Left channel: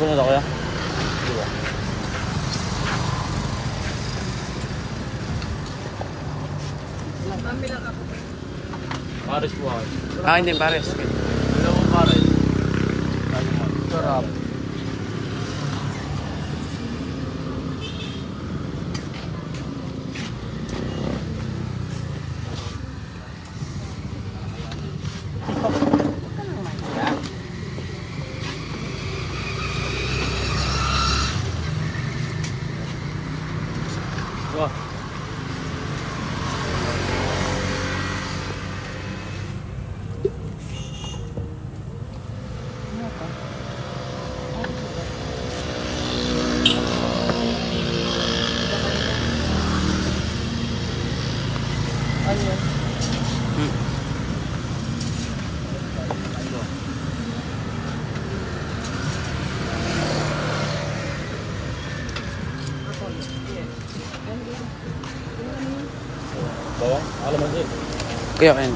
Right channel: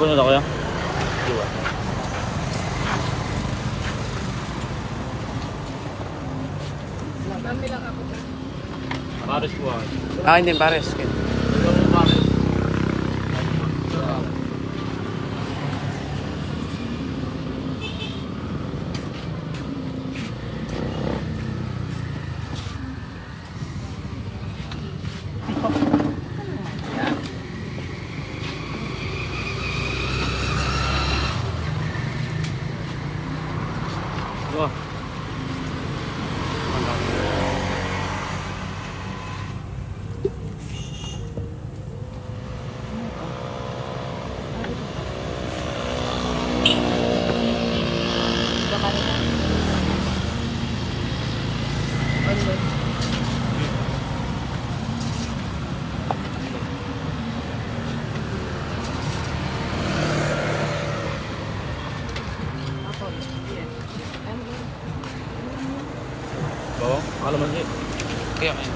Sabon na kuya? Diba? Mami lang ako. Pares po ah. Hindi pares. Hello mo pares. Sarap. Wow. Bawang? Alaman siya. Kuya, kain.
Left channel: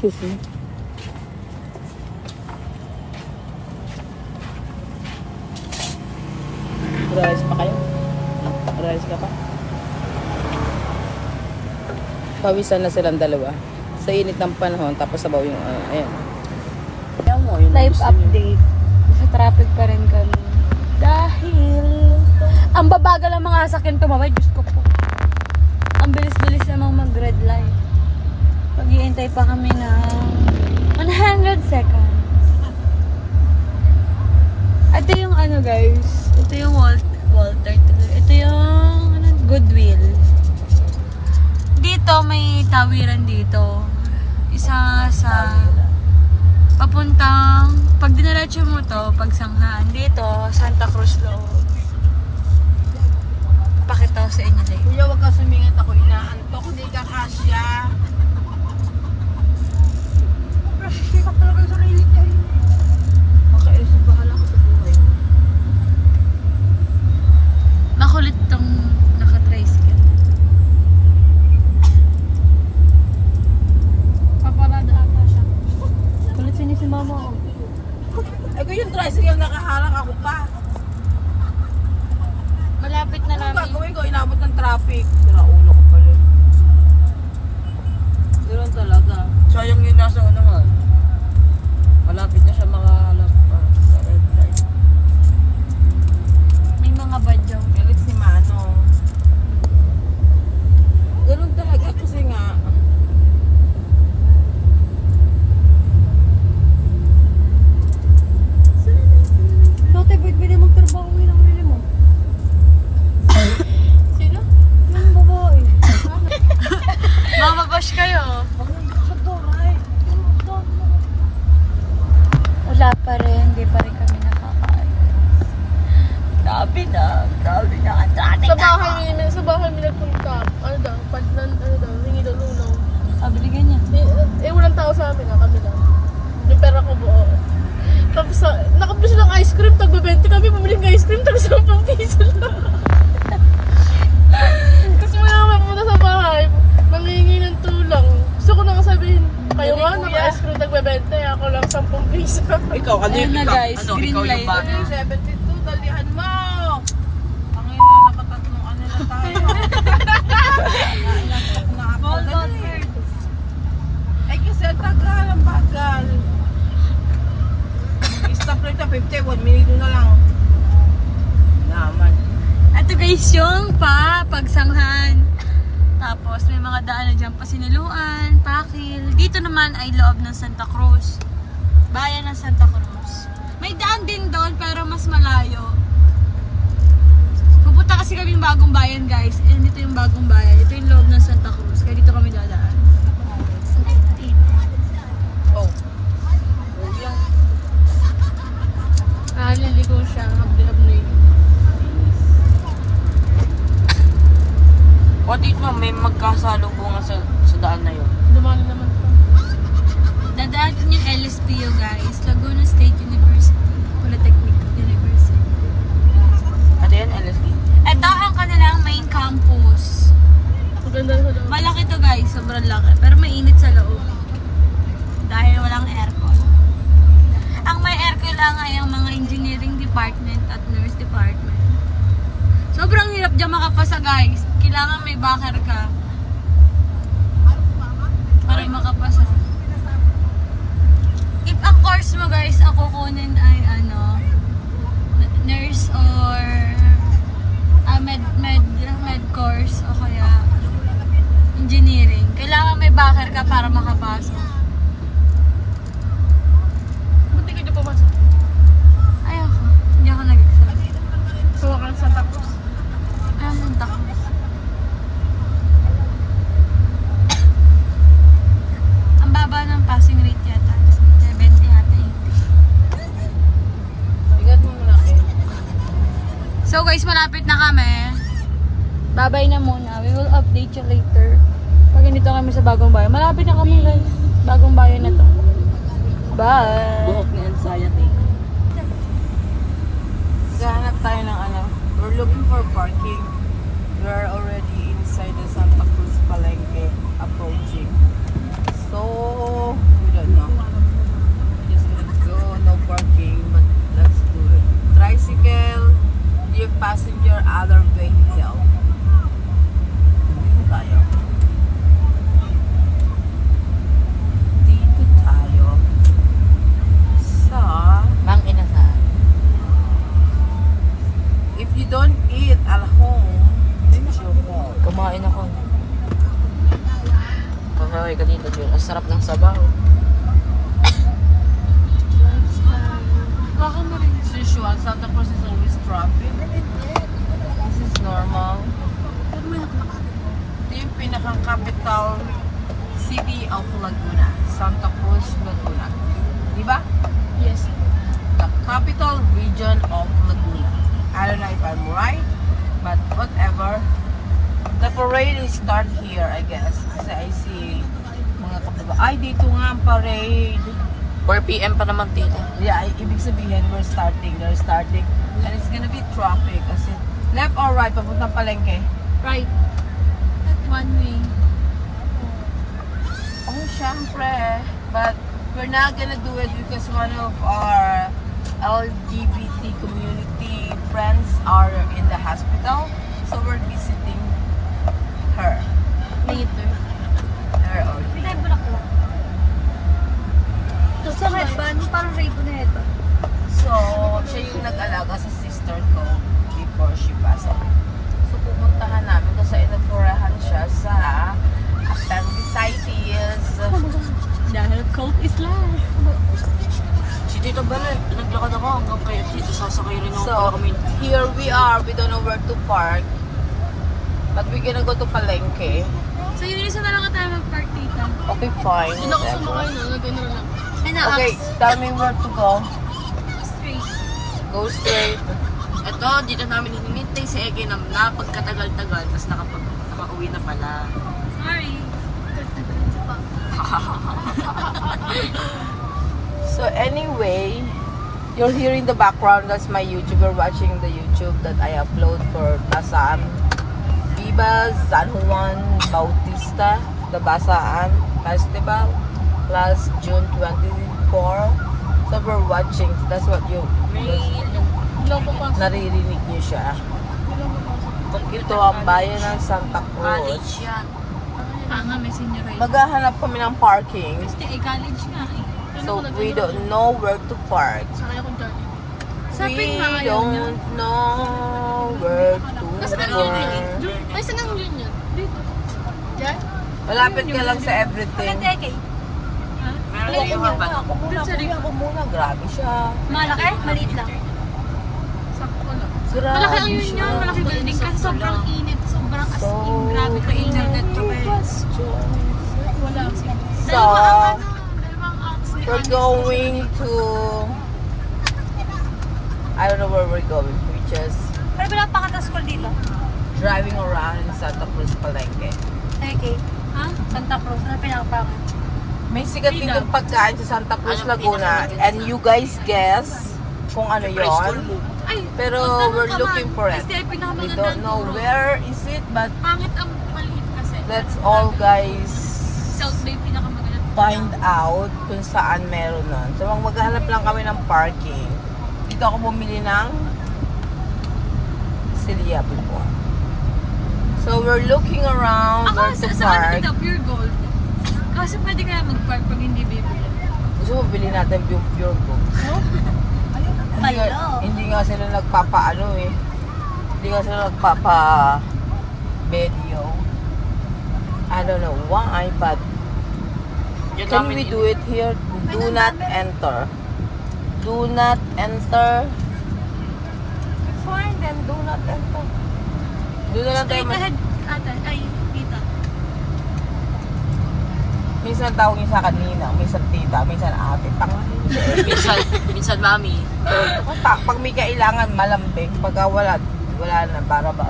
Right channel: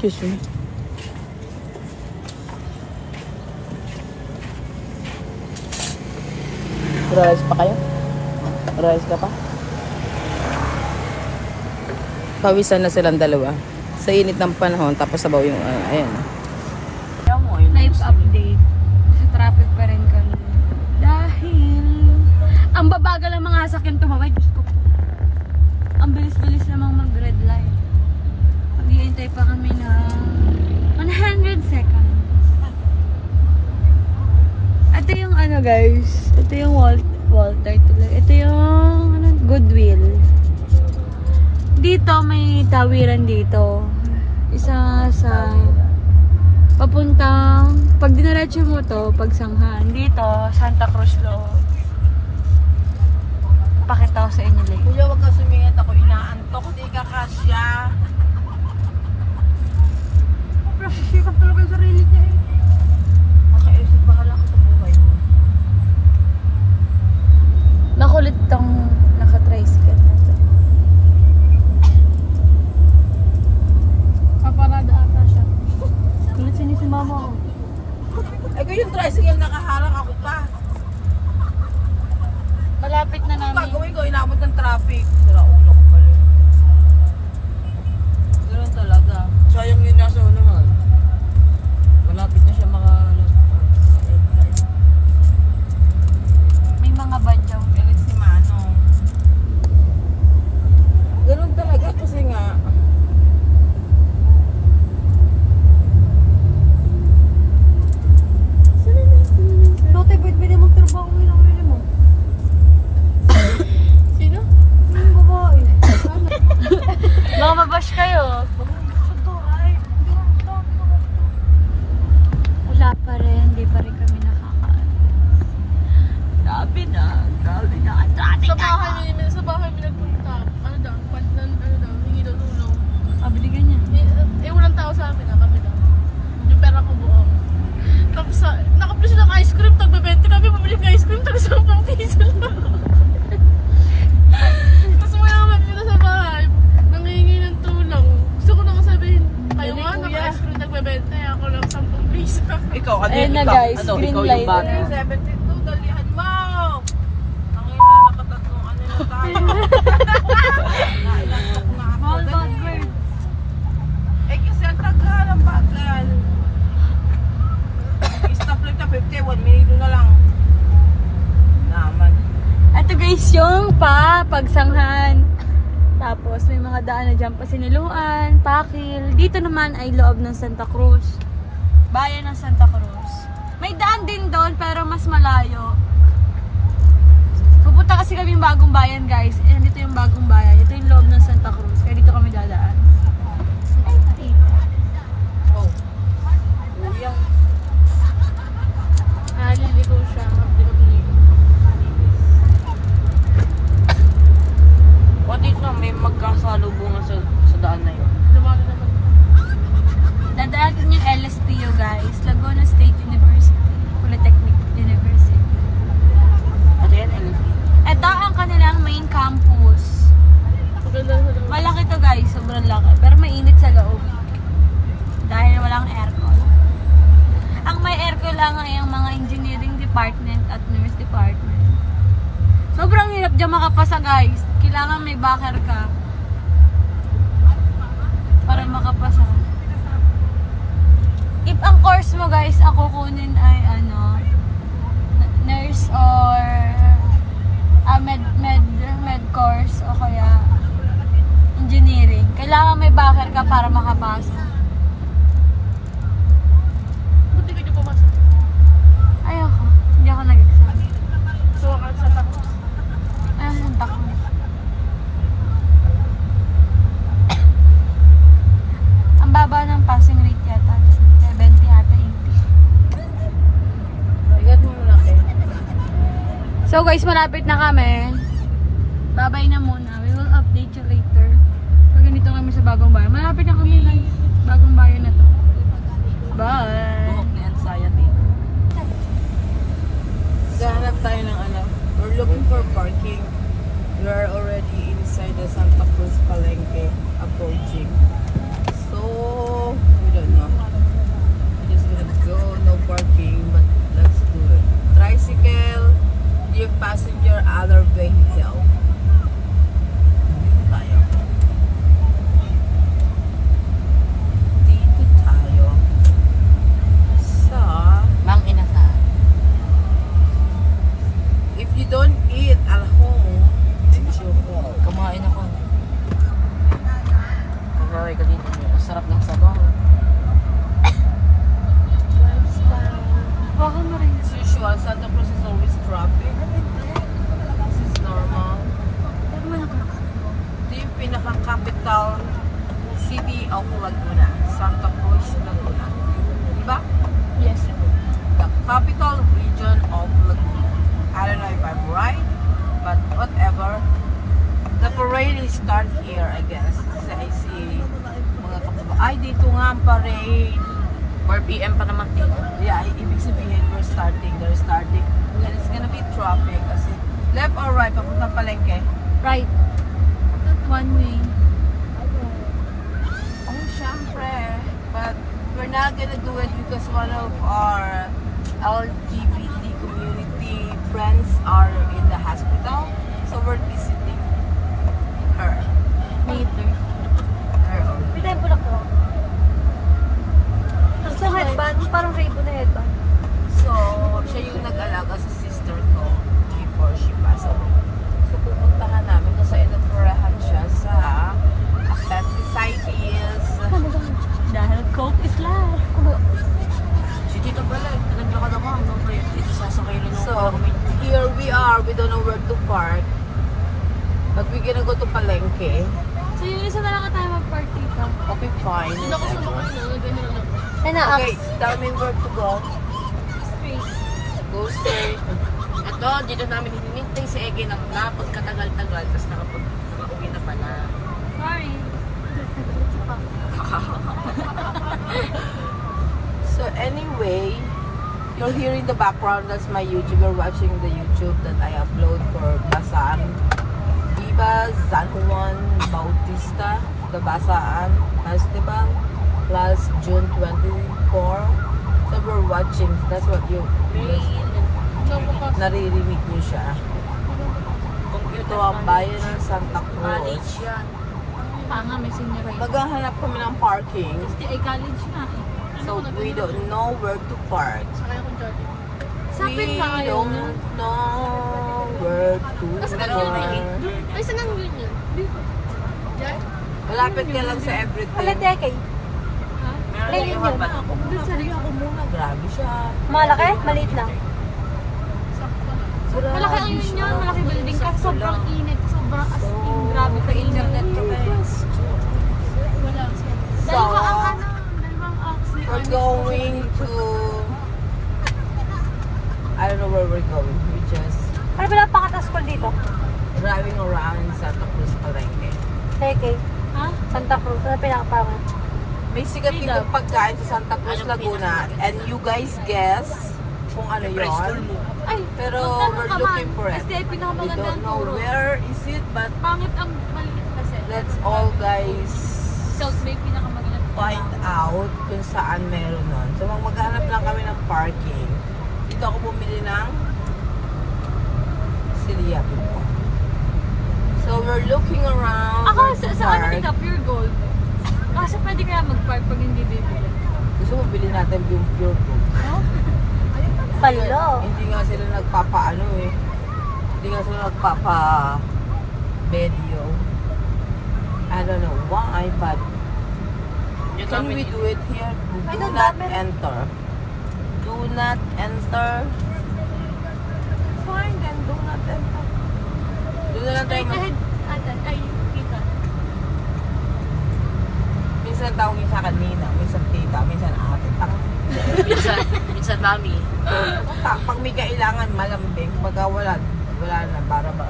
Kissing. Rice pa kayo? Rice ka pa? Pawisan na silang dalawa. Sa init ng panahon, tapos sabaw yung, ayan. Life update. Sa traffic pa rin kami. Dahil, ang babagal ang mga sasakyan tumawid. Diyos ko po. Ang bilis-bilis namang mag-red light. Pag-iintay pa kami ng 100 seconds. Ito yung ano guys. Ito yung Walter. Ito yung Goodwill. Dito may tawiran dito. Isa sa papuntang pag dinaretso mo to, pagsanghaan. Dito, Santa Cruz loob. Pakita ko sa inyo like. Kuya, wag ka sumingit ako. Inaantok. Hindi ka kasya. Sikap talaga yung sarili niya eh. Okay, baka lang sa buhay. Makulit tong naka-tricycle. Paparada ata siya. Kulit sinisumama ako. Eh kung yung tricycle nakaharang ako pa. Malapit na Ano namin. gagawin ko? Inabot ng traffic. Sira ulo ko pala. Ganoon talaga. Sayang yun nasa unahan. Malapit na siya May mga badyang. Galit si Mano. Ganoon talaga kasi nga. Lote, pwede magtrabaho mo lang mo. Sino? Yung babae. Baka mabash kayo. Wala pa rin. Hindi pa rin kami nakakaalas. Grabe na. Grabe na. Ang dami Sa na. bahay may nagpunta. Ano daw? Hingi daw lunaw. Binigyan niya. Walang tao sa amin, kami lang. Yung pera ko buo. Tapos, nakapila siya ng ice cream, tagbebente kami, bumili ng ice cream, tapos 10 piso lang. Tapos mga mapunta sa bahay, nangingi ng tulang. Gusto ko na sabihin, kayo nga, naka-ice cream, tagbebente, ako lang 10 piso. Ikaw, Ayun na guys, green light. 72, dalihan mo! Ang ina, nakatatlong ano na tayo. Small dog bird. Eh kasi ang tagal, ang bagal. Stop rate na 50, 1 minute na lang. Naman. Ito guys, yung pagsanghan. Tapos may mga daan na dyan pa Sinuluan, Pakil. Dito naman ay loob ng Santa Cruz. Bayan ng Santa Cruz. May daan din doon pero mas malayo. Pupunta kasi kami yung bagong bayan guys. And dito yung bagong bayan. Ito yung loob ng Santa Cruz. Kaya dito kami dadaan. Oh. Kuya. Laligo siya. Mag-diabling. O dito may magkasalubungan sa daan na yun. Naman naman. Dadaan din yung LSPU guys. Laguna State University. Polytechnic University. Ano yan, LSD? Ito ang kanilang main campus. Maganda na lang. Malaki to guys. Sobrang laki. Pero mainit sa loob. Dahil walang aircon. Ang may aircon lang ay ang mga engineering department at nurse department. Sobrang hirap dyan makapasa guys. Kailangan may backer ka. Para makapasa. If ang course mo guys, ako kunin ay nurse or med course o kaya engineering. Kailangan may backer ka para makapasa. Buti ka na pumasok. Ay ako. Hindi ako nag-exam. So, nakal sa tapos. Ay, ang takot. Ang baba ng passing rate yata. 70 yata yun. Bigad mo muna kayo. So guys, malapit na kami. Babay na muna. We will update you later. Pag nandito kami sa bagong bayan. Malapit na kami guys. Bagong bayan na to. Bye! Buhok ni anxiety. Gahanap tayo ng we're looking for parking. We are already inside the Santa Cruz Palengke approaching. So, we don't know. We're just gonna go, no parking, but let's do it. Tricycle, dear passenger, other vehicle. Dito tayo. Dito tayo. Mang Inasal. If you don't eat at home, then it's your fault. Kumain ako. Kawaway ka dito. Ang sarap ng sabaw. As usual, Santa Cruz is always traffic. This is normal. Ito yung pinaka-capital city of Laguna. Santa Cruz, Laguna. Diba? Yes. The capital region of Laguna. I don't know if I'm right, but whatever. The parade will start here, I guess. Kasi I see mga kapatid. Ay, dito nga ang parade. 4 PM pa naman dito. Yeah, ibig sabihin, they're starting. And it's gonna be traffic. Kasi left or right, papuntang Palengke. Right. One way. Oh, syempre. But we're not gonna do it because one of our LGBT community friends are in the hospital. So we're visiting her. Later. Her own. May tayo po lang po. Tapos sa headband, parang rainbow na headband. So, siya yung nag-alaga sa sister ko before she passed away. So, pupuntahan namin kasi inoperahan siya sa appendicitis. Dahil cold is life. Si Tito Bala, pinaglakad ako hanggang kayo dito. Sasakay rin ako pala So, kami. here we are. We don't know where to park. But we're gonna go to Palengke. So yun isa na lang tayo mag-park dito. Okay, fine. Doon ako sumakay na. Nagano lang. Okay, tell me where to go. Straight. Go straight. Ito, dito namin hinintay si Ege na napagkatagal-tagal. Tapos nakauwi na pala. Sorry. Pa. So anyway, you're hearing the background. That's my YouTuber watching the YouTube that I upload for Basaan. Viva San Juan Bautista, the Basaan Festival, last June 24. So we're watching. That's what you naririnig niyo siya. Ito ang bayan ng Santa Cruz. College yan. Panga, may senior high. Maghahanap kami ng parking. Kasi ay college nga eh. So we don't know where to park. Sakay akong Jollibee. Sapin We pa ngayon yun. don't know where to Kasi ano yun yun? park. Ay, saan ang yun yun? Yan? Malapit ka lang sa everything. Teke. Meron na yung haba ako. Sorry ako muna. Grabe siya. Malaki? Maliit lang. Grabe Malaki ang yun siya. yan. Malaki building kasi sobrang init. Sobrang as in. Grabe pa internet pa kayo. Wala. Dalawang ox ni We're going to... I don't know where we're going. We're just Ano ba napakatas school dito? driving around in Santa Cruz, Palengke. Teke. Ha? Santa Cruz. Ano pinakapang? May sikat ditong pagkain sa Santa Cruz, Anong Laguna. pinakamalagyan And sa- you guys guess kung ano Preschool yun. mo. Ay, Pero magtanong we're ka looking man. for it. STL We pinakamaganda don't ang know turo. where is it, but Pangit ang maliit kasi. let's all guys South Bay pinakamaganda. find out kung saan meron nun. So maghanap lang kami ng parking. Dito ako bumili ng siriyap. So we're looking around. Ako, where to sa ano park. dito? Pure gold. Kasi pwede kaya mag-park pag hindi bibili. Gusto mo bilhin natin yung pure. Palo. Hindi nga sila nagpapaano eh. Hindi nga sila nagpapa-video. I don't know why, but Diyan can namin we do it here? Do Ano, not dapat? enter. Do not enter. Fine then, do not enter. Do not Straight enter. ahead. Ate, ay, tita. Minsan tawagin sa kanina, minsan tita, minsan ate. Minsan mami. Pag may kailangan, malambing. Pag wala na, para ba?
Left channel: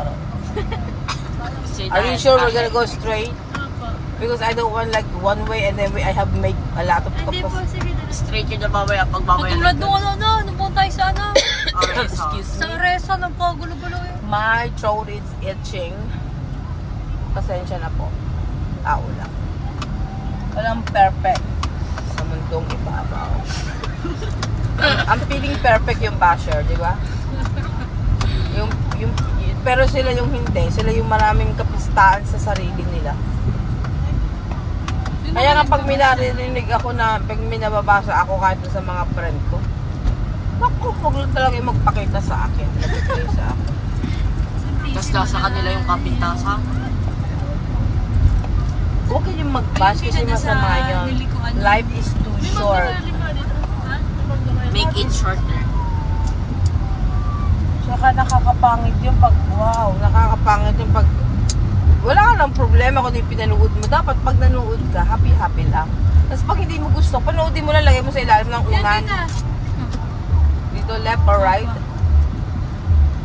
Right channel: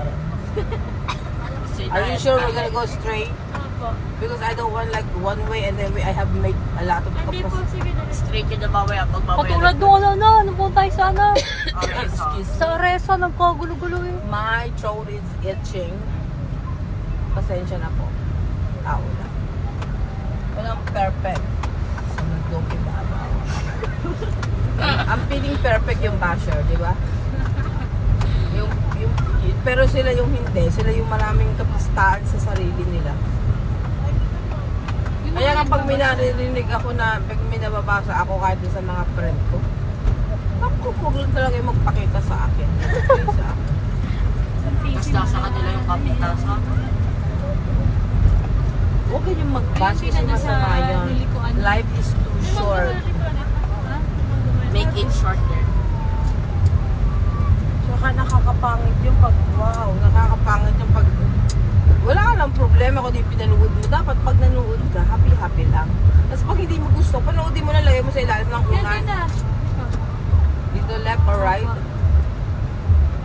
Say Are you that. sure we're gonna go straight? Opo. Because I don't want like one way and then I have to make a lot of Hindi po, sige na. Straight yun na mamaya pag mamaya. Katulad nung ano po tayo sa ano. Okay, so. Sa Resa, nagkagulo-gulo eh. My throat is itching. Pasensya na po. Tao lang. Walang perfect sa mundong ibabaw. Ang feeling perfect yung basher, di ba? Pero sila yung hindi. Sila yung maraming kapustahan sa sarili nila. Kaya nga pag may naririnig ako na, pag may nababasa ako kahit sa mga friend ko, huwag lang talaga yung magpakita sa akin. Okay, sa akin. Tapos nasa kanila yung kapitasa. Okay yung mag-bash Yung kasi pinada sa masama yun. nilikuan. Life is too short. Ha? Make it shorter. Saka nakakapangit yung pag, wow, nakakapangit yung pag, wala ka ng problema kung di pinanood mo. Dapat pag nanood ka, happy-happy lang. Tapos pag hindi mo gusto, panoodin mo lang, lagay mo sa ilalim ng Yan, unan. tita. Dito, left or right?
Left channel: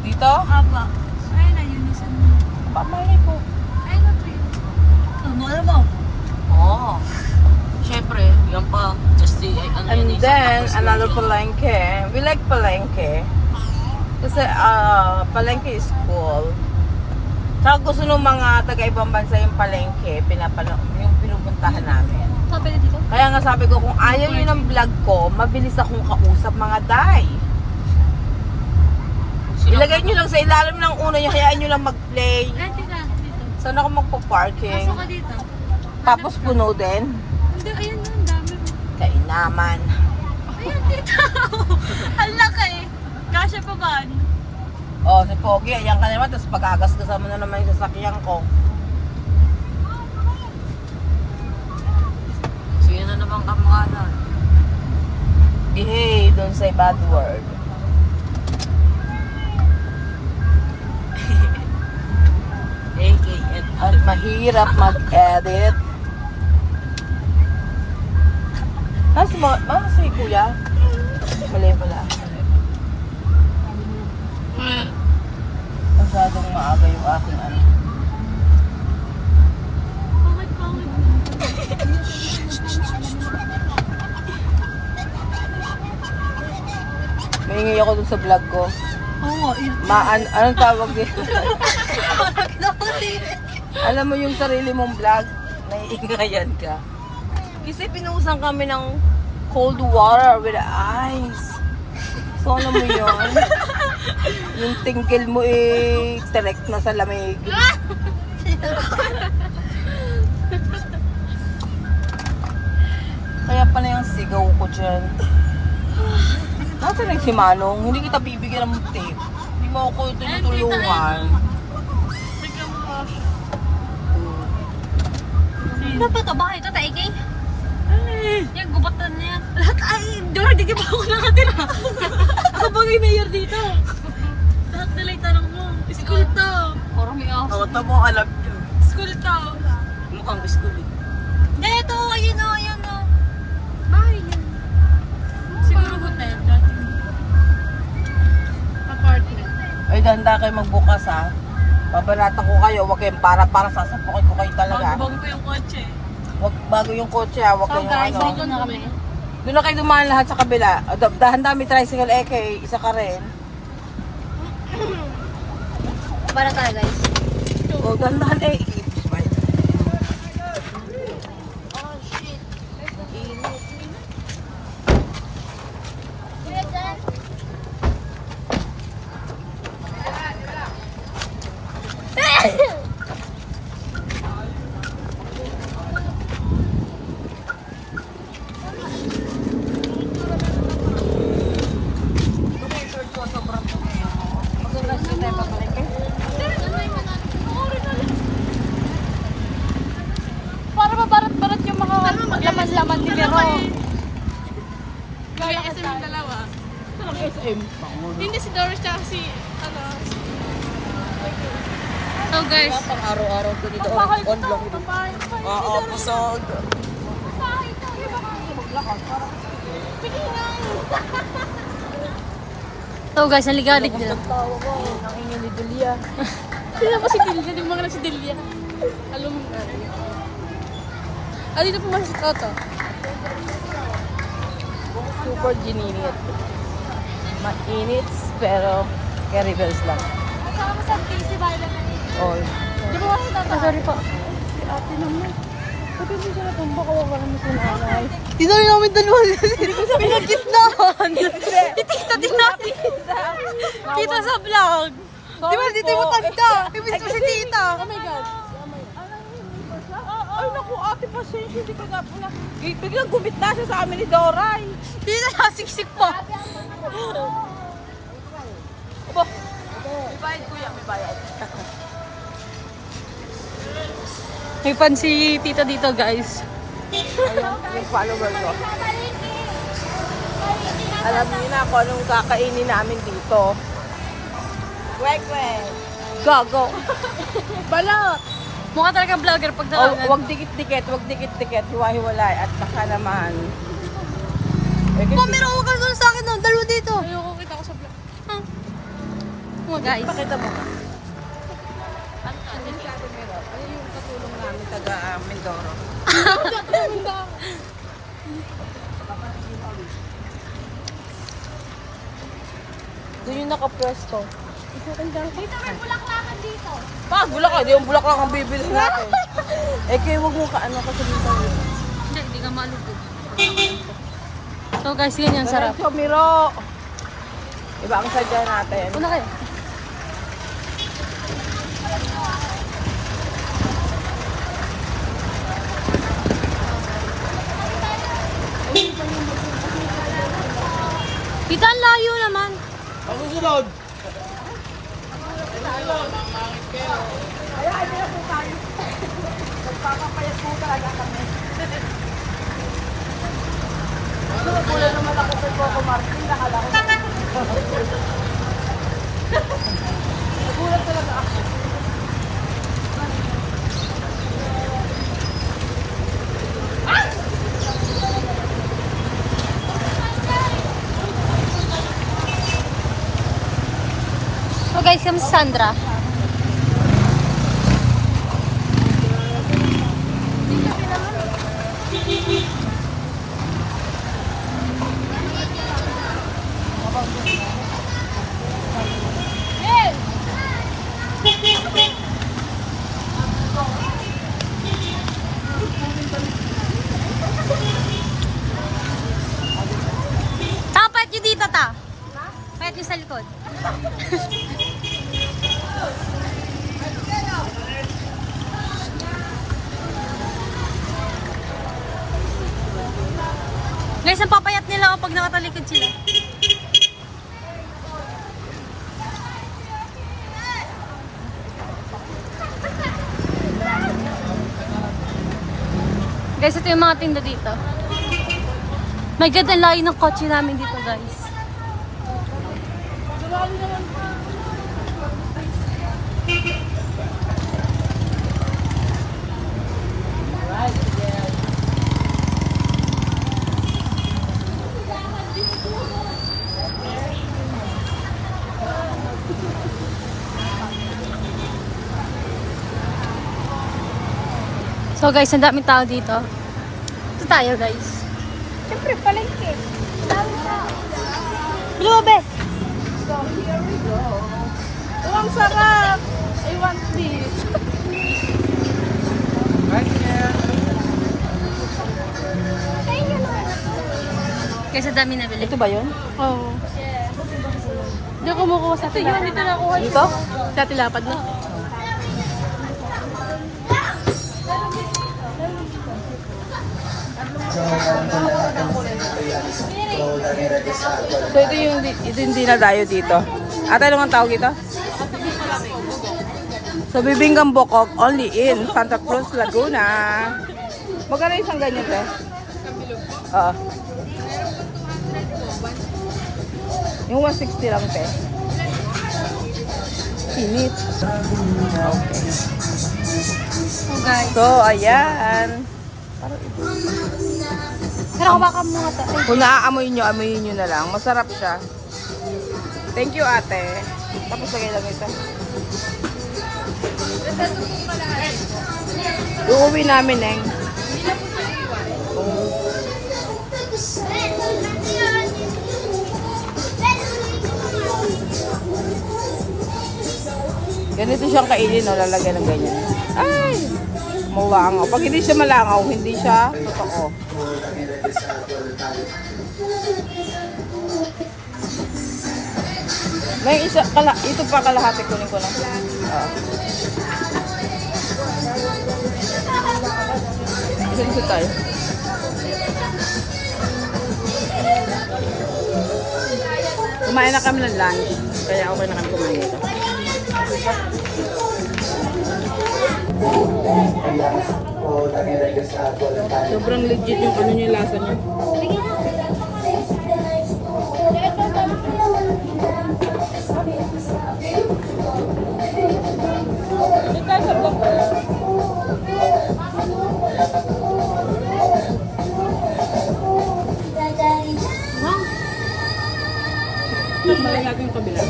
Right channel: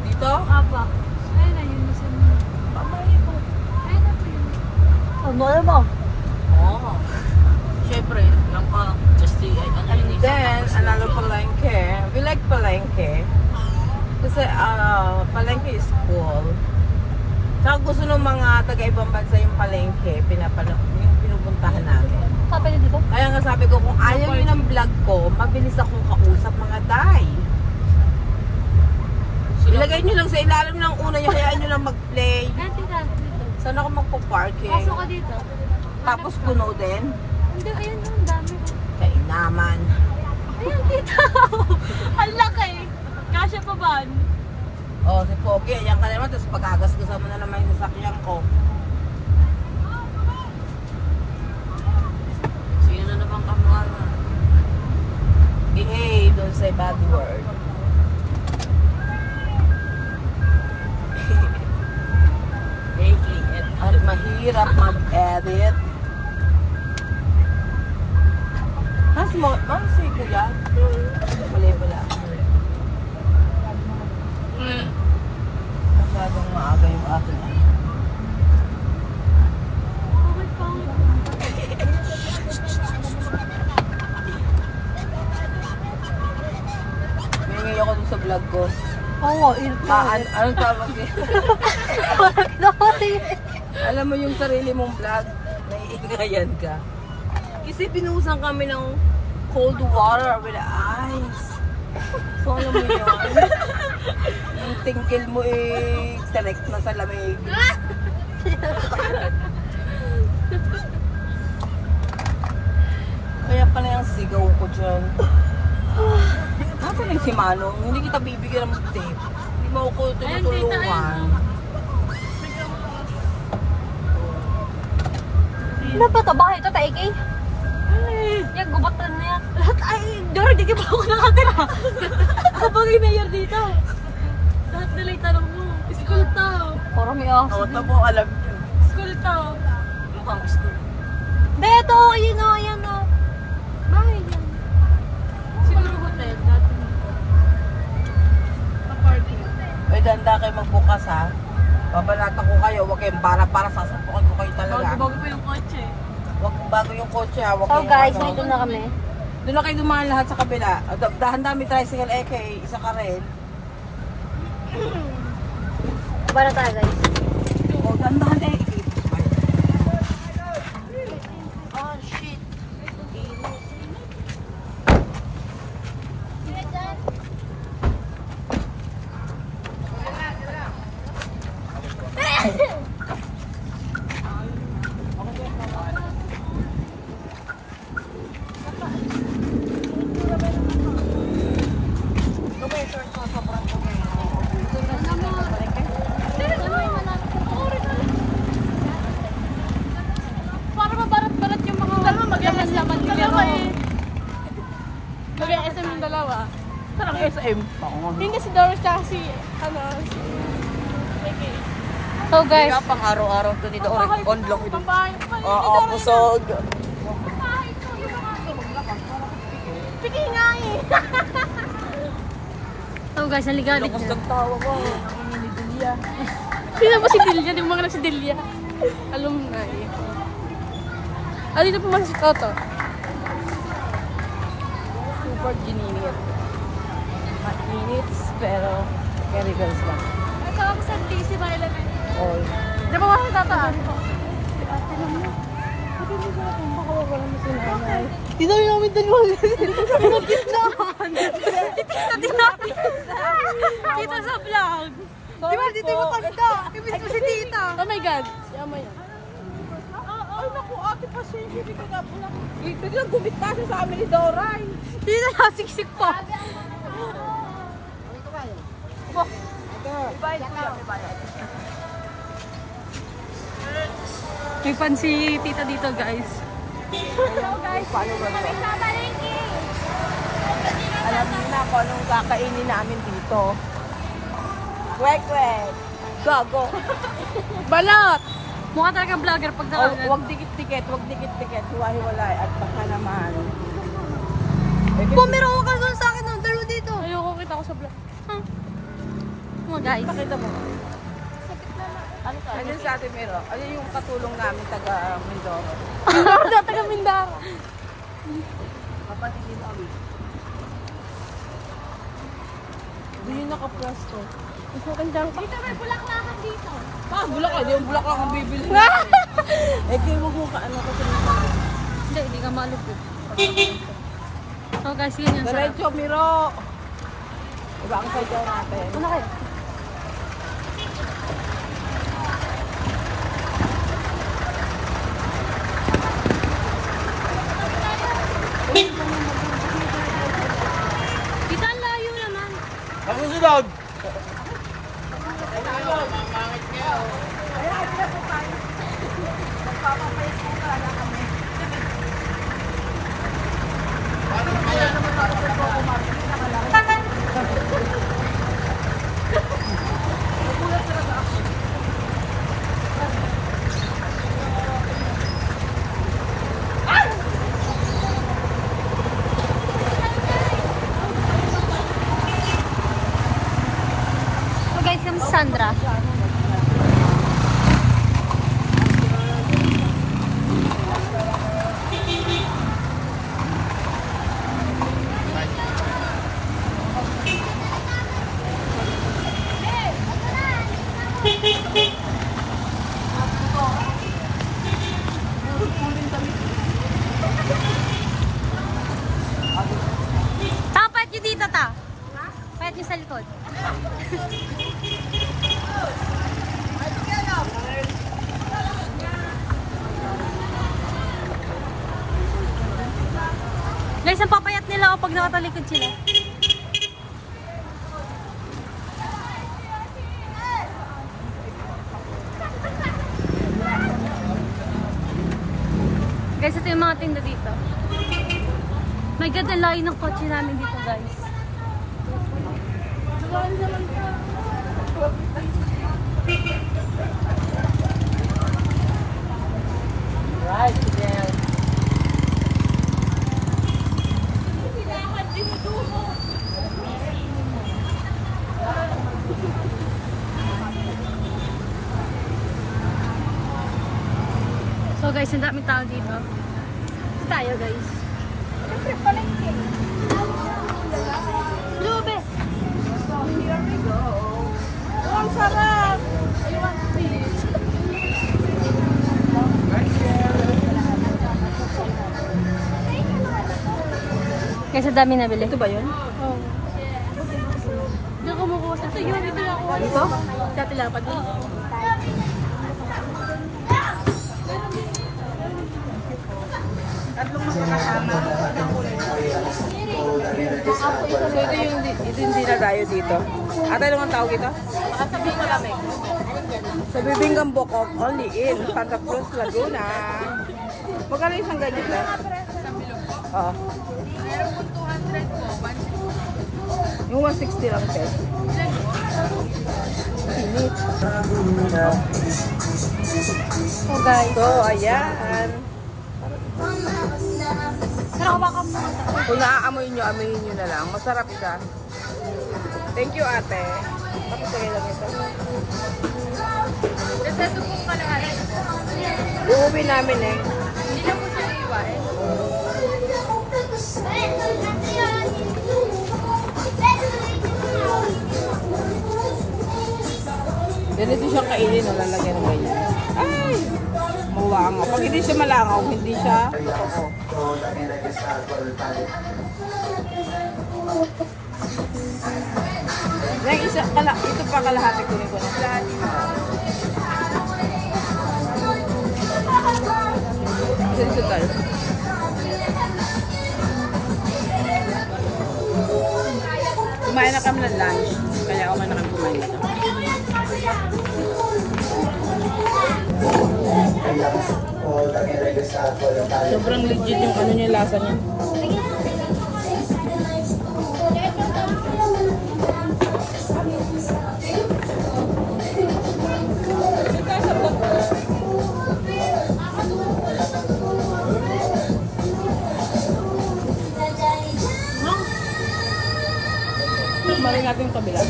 Dito? Apa. Ayun na, yun. Isa na. Pamalay ko. Ayun na po yun. Ano mo? Oo. Siyempre, yan pa. Just the, ano And yun yung then, Santa Cruz another City. palengke. We like palengke. Kasi palengke is cool. Saka gusto ng mga taga-ibang bansa yung palengke, yung pinupuntahan namin. Sabi na dito. Kaya nga sabi ko, kung ayaw nyo ng vlog ko, mabilis akong kausap mga day. Ilagay nyo lang sa ilalim ng una nyo, hayaan nyo lang mag-play. Ayun, tita. Dito. Saan ako magpo-parking? Pasok ka dito. Tapos puno din. Hindi, ayun na. Ang dami. Kaya naman. Ayun, tita. Ang laki. Kasya pa ba? Oh, si Pogi, ayan ka naman, tapos pagagasgasan mo na naman yung sasakyan ko. So yun na naman kamukha na. Behave, don't say bad word. Ay, mahirap mag-edit. Mas si Kuya? Wala. Masyadong maaga yung aking ano. Pangit, pangit. Mahingi ako dun sa vlog ko. Oo, Anong tawag dito? Alam mo yung sarili mong vlog, naiingayan ka. Kasi pinusan kami ng cold water with ice. So alam mo yun? Yung tingkil mo direct na sa lamig. Kaya pala yung sigaw ko dyan. Nasaan rin si Manong? Hindi kita bibigyan ng tip. Hindi mo ako tinutulungan. Ano ba ito? Bakit ito? Taikay? Yan, gubatan niya. Lahat ay, Dora, di ka ba ako nakatira? Ako bagay mayor dito. Lahat nila yung tanong mo. School to. Parang may ako. Ito mo, alam niyo. School to. Mukhang school. Hindi, ito. Ayun o, ayun o. Bahay lang. Siguro hotel. Apartment. Ay, handa kayo magbukas ha. Babarata ko kayo, huwag kayong para sasapukin ko kayo talaga. Bago pa yung kotse. Huwag bago yung kotse ha. Huwag So kayong guys, ano. dito na kami. Doon na kayo dumaan lahat sa kabila. Dahan dami tricycle isa ka rin. Para tayo guys. O, dahan Para mabarat-barat yung mga laman-laman ni Pero. Mag-SM yung dalawa. Parang SM. Hindi si Doris tsaka si, ano, So guys, Kaya pang araw-araw ko nito on block ito. Oo, pusog. Pili nga eh. so guys, naligalig nila. Sino ba si Delia? Di mo nga na si Delia. Alam mo nga eh. Ah, dito po si Toto. Super ginimit. Mainit, pero carry bells lang. Kasama sa si Violet. Oy. Di ba kasi Toto? Sorry po. Dito rin namin dalawa. Pinagkitnaan. Itikita din natin. Kita sa vlog. Di ba dito yung matanda? Ibig ko si tita. Oh my God. Ay, naku, ate, pasensya. Hindi ka na. Biglang gumit na siya sa amin ni Doray. Dito nasiksik pa. May bayad, kuya. May bayad. May pan si tita dito guys. Alam niyo na kung anong kakainin namin dito. Wek. Gago. Balot! Mukha talaga vlogger pag Oh, nakalan. wag dikit-dikit. Hiwa-hiwalay. At saka naman. Meron ko doon sa akin ng dalawa dito. Ayoko kita ko sa vlog. Mga guys. Pakita mo. Ano yun sa atin meron? Ano yung katulong namin taga Mindoro? Taga Mindoro. Kapatikin kami. Doon yung nakapwesto. Dito may bulaklakan dito. Pa, bulaklak. Di yung bulaklak ang bibili natin. Eh, kaya huwag mo kaano kasi nito. Hindi ka malupit. So guys, yun yung sarap. Diretso, Miro. Iba ang sadya natin. Una kayo. Dito ang layo naman. Pagsusunod! Kaya, hindi na po tayo. Nagpapapayat po talaga kami. So guys, yung Sandra. Tapat nyo dito ta. Payat nyo sa likod. Guys, ang papayat nila kapag nakatalikod sila. Guys, ito yung mga tinda dito. My God, ang layo ng kotse namin dito, guys. So guys, ang daming tao dito. Ito tayo, guys. Siyempre, palengke. Lumabe! Ang sarap! I want this. Guys, ang dami nabili. Ito ba yun? Oo. Hindi ako kumukuha sa tilapad. Ito na kuha Ito? sa tilapad mo. So ito yung dinadayo dito. Ate, ano ang tawag ito? So bibinggang bokok only in Santa Cruz, Laguna. Magkano isang ganito? Oo. Yung 160 lang pe. Pinit. Okay. So guys. So ayan. Pero baka muna tayo. Kung naaamoy nyo, amoyin nyo na lang. Masarap siya. Thank you, ate. Tapos lagay lang ito. Kasi ito pong kalahari. Uuwi namin eh. Hindi na po siya iiwain. Ganito siyang kainin, no? Lalagyan ng ganyan. Ay! Mawanga. Pag hindi siya malangaw, hindi siya toko. May isa, ito pa kalahati ko rin ko na. Isa tayo. Kumain na kami ng lunch, kaya okay na kami kumain ito. Sobrang legit yung ano niya, lasa niya. Balik natin yung kabila.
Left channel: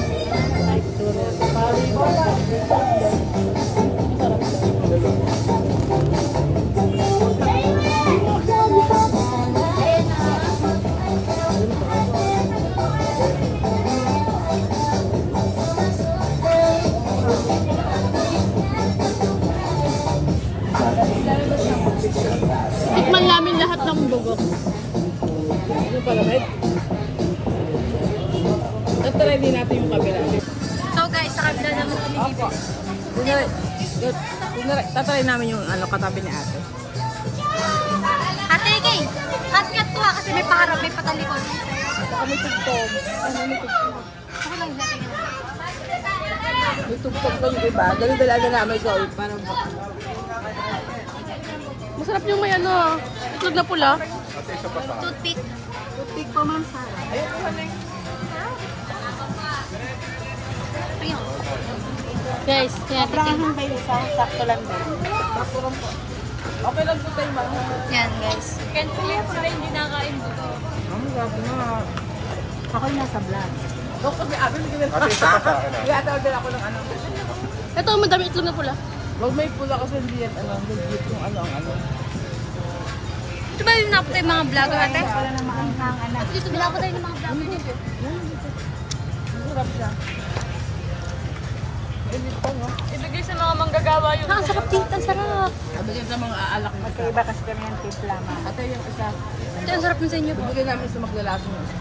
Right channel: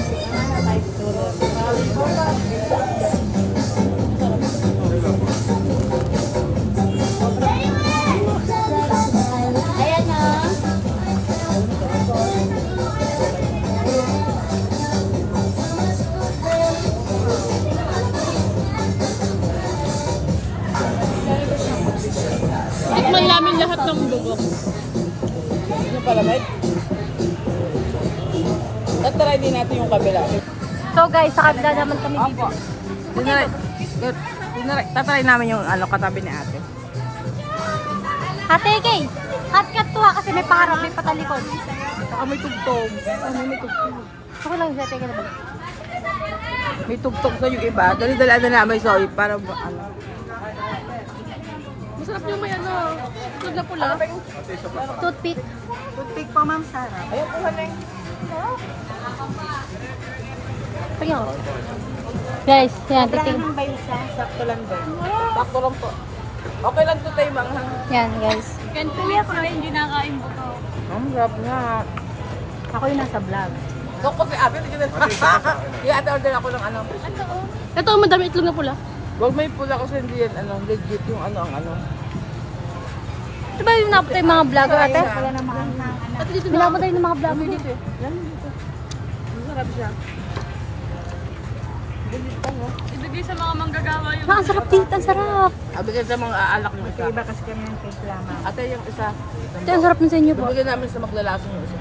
Tikman namin lahat ng bugok. Ano pala, mate? Tatry din natin yung kabila. So guys, sa kabila naman kami. Opo. Tatry namin yung ano, katabi ni ate. Ate, kay. Hot cut to ha, kasi may pangarap, may patalikod. May tugtog. May tugtog. Ako lang, ate, ka naman. May tugtog sa yung iba. Dali-dalaan na namin, sorry, para Masarap yung may ano, itlog na pula. Toothpick. Toothpick po, Ma'am Sarah. Tingnan mo. Guys, Sobrahan kayo isang, sakto lang din. Sakto lang po. Okay lang po tayo, ma'am. yan, guys. Can't believe sila hindi nakain po to. Ang gab nga. Ako yung nasa vlog. Kapag ate, hindi na ate ako ng ano. Ito, madami itlog na pula. Huwag may pula kasi hindi yan, ano, legit yung ano, ang ano. Ito ba yung napatay mga vlogger, ate? Pala na maanghang, anak. Dito na Napatay ng mga vlogger dito. Masarap siya. Ibigay sa mga manggagawa yung... Ang sarap dito, ang sarap. Abigyan sa mga aalak mo isa. Iba kasi kami ng tip lamang. Ate yung isa. Ito, ang sarap ng sa inyo po. Abigyan namin sa maglalasong mo isa.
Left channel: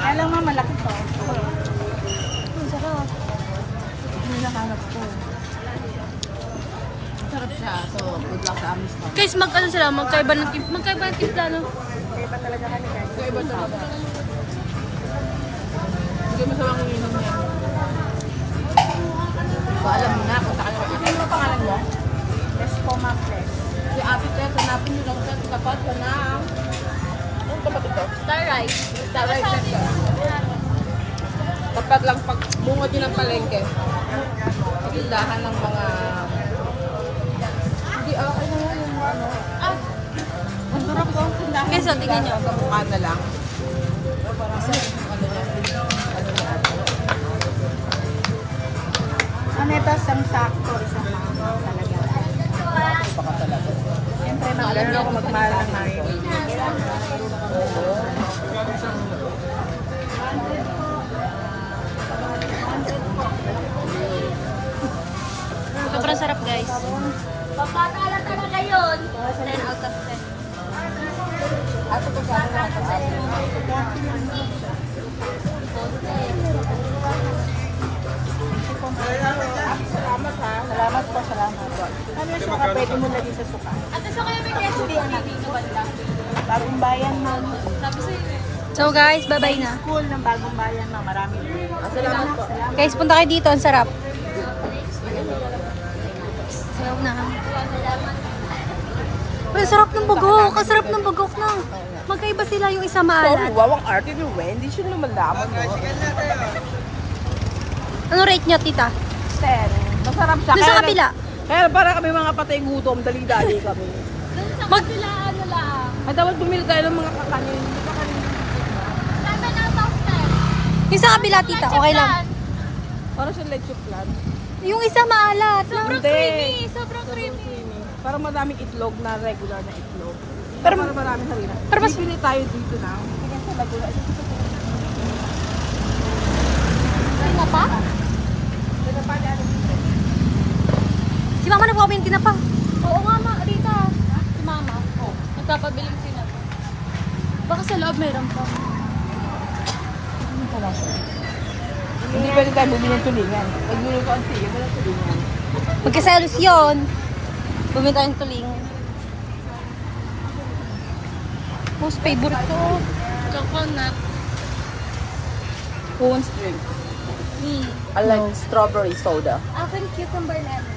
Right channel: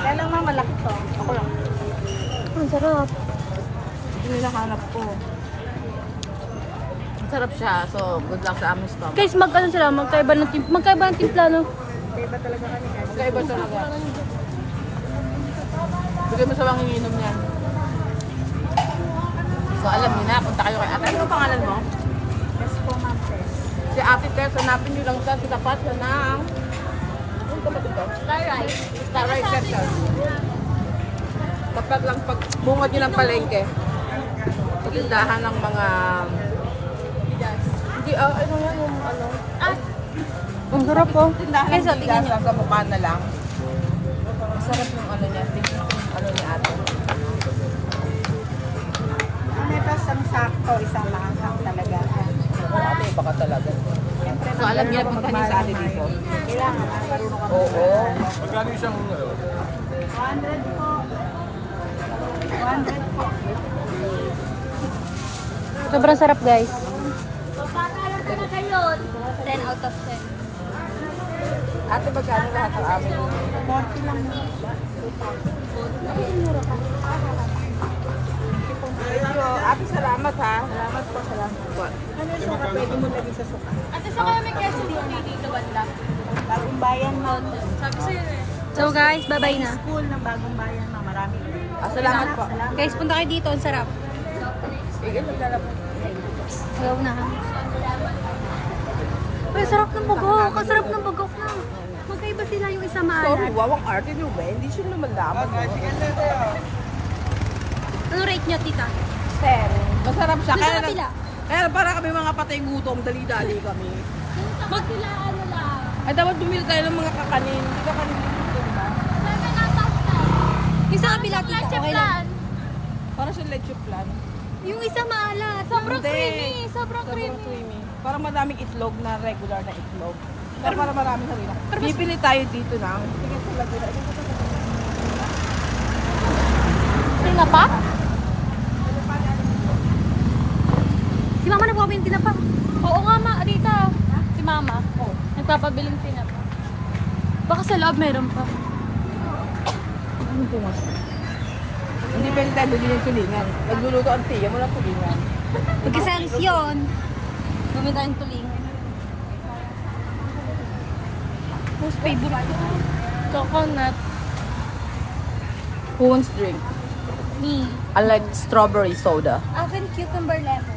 Kaya lang ma'am, malaki to. Ang sarap. Hindi na hanap ko. Sarap siya. So, good luck sa aming stop. Guys, magkaiba ng timpla, no? Iba talaga kami guys. Kakaiba talaga. Bigyan mo sa lang ininom niya. So, alam mo na, punta kayo kay ate. Ano ang pangalan mo? Best po ma'am. Si Ate Pet, hanapin nyo lang ito. Dapat ka na. Anong kapatid ko? Star Right Center. Dapat lang pag bungad nyo ng palengke. Pagindahan ng mga... Hindi, ano yung ano? Ang sarap po. Guys, so, tingnan nyo. Sa mukha na lang. Kasi yung ano niya. Ano ito? Isang sakto, isang mahal talaga. Baka talaga. Siyempre, So, alam niya kung kanina sa atin dito. Ilang? Oo. 100 po. 100 po. Sobrang sarap, guys. 10 out of 10. Ate, pagkano lahat ang amin? Dati lang. Ate, salamat ha. Salamat po, salamat. Suka, pwede mo lagi sa suka. Ate, sa kaya may keso dito banda? Bagong bayan mo. Sabi sa'yo eh. So guys, bye-bye na. School ng bagong bayan mo. Marami. Salamat po. Salamat. Guys, punta kayo dito. Ang sarap. Sayaw na ha. Pero sarap ng bugok. Ang sarap ng bugok na. Magkaiba sila yung isa maalat. Wow, ang arte ni Wen. Hindi siya lumalaman. Ano rate nyo, tita? Pero, masarap siya. Doon sa kabila. Kaya para kami mga patay gutom, dali-dali kami. Mag... Ay, dapat bumili tayo ng mga kakanin. Hindi kakanin mo dito, diba? Yung sa kabila, tita. Okay lang. Para sa leche plan. Yung isa maalat. Sobrang creamy. Sobrang creamy. Para madaming itlog na regular na itlog. Para maraming harina. Bibili tayo dito na. Tingnan sa Laguna. Sino pa? Si mama na po kami ng tinapa. Oo nga ma, Rita. Si mama. Oo. Nagpapabiling tinapa. Baka sa loob meron pa. Ano po mas? Hindi pwede tayo bumili ng tulingan. Nagluluto ang tiya mo ng tulingan. Magkasalos yun. Bumili tayong tuling. Most favorite ko. Coconut. Who wants drink? Me. I like strawberry soda. Akin cucumber lemon.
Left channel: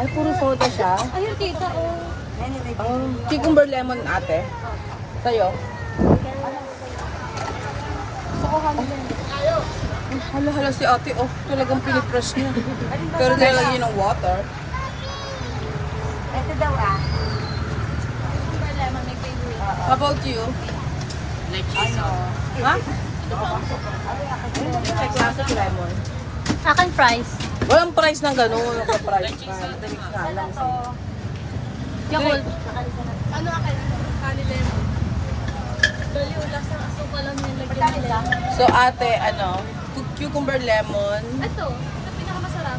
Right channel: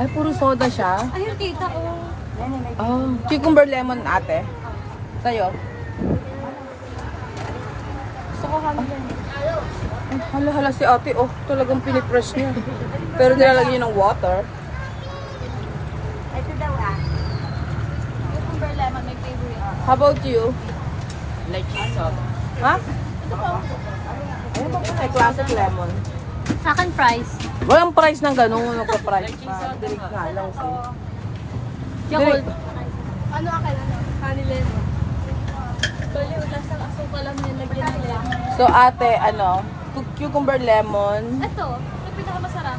Ay, puro soda siya. Ayun tita ko. Cucumber lemon ate. Tayo. Hala si ate, oh, talagang pinipress niya. Pero nilalagay ng water. Ito daw Cucumber lemon, may favorite. How about you? Like cheese sauce. Ha? Ay, classic lemon. Akin fries. Walang price ng ganun. Like cheese sauce. Yakult. Ano akin? Kanilin. Bali, wala sa aso pa lang nilagyan nila. So ate, ano, cucumber lemon. Ito, ito pinakamasarap.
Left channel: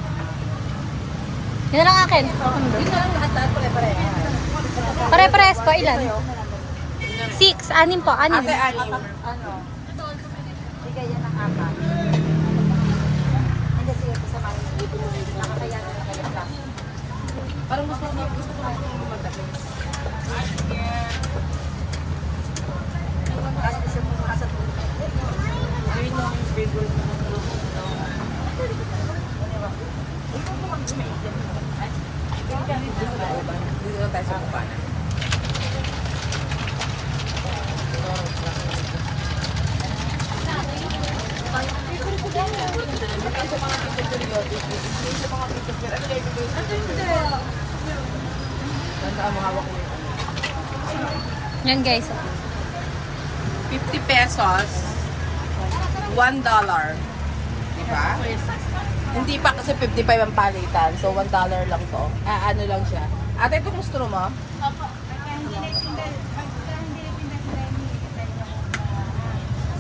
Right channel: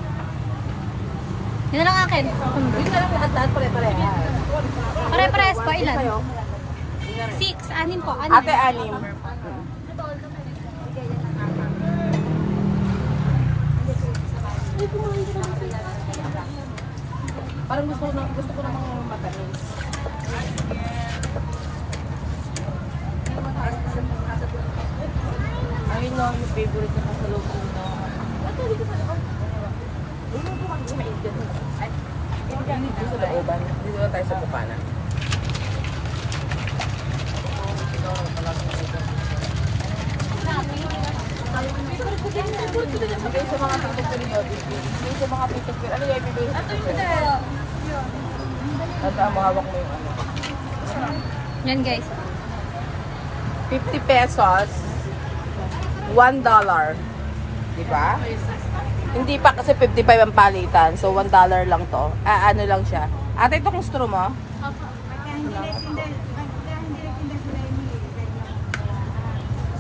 Yan lang akin. Dito lang lahat pare-pare. Pare-parehas po. Ilan? 6. 6 po. 6. Ate, anim. Parang gusto ko naman ng matahin. I know yung favorite na sa loob. Hindi na tayo sa kumanan. Ang mahawak mo. Yan guys. 50 pesos, $1. Diba? Hindi pa kasi 55 ang palitan. So, $1 lang to. Ano lang siya. Ate, itong straw mo?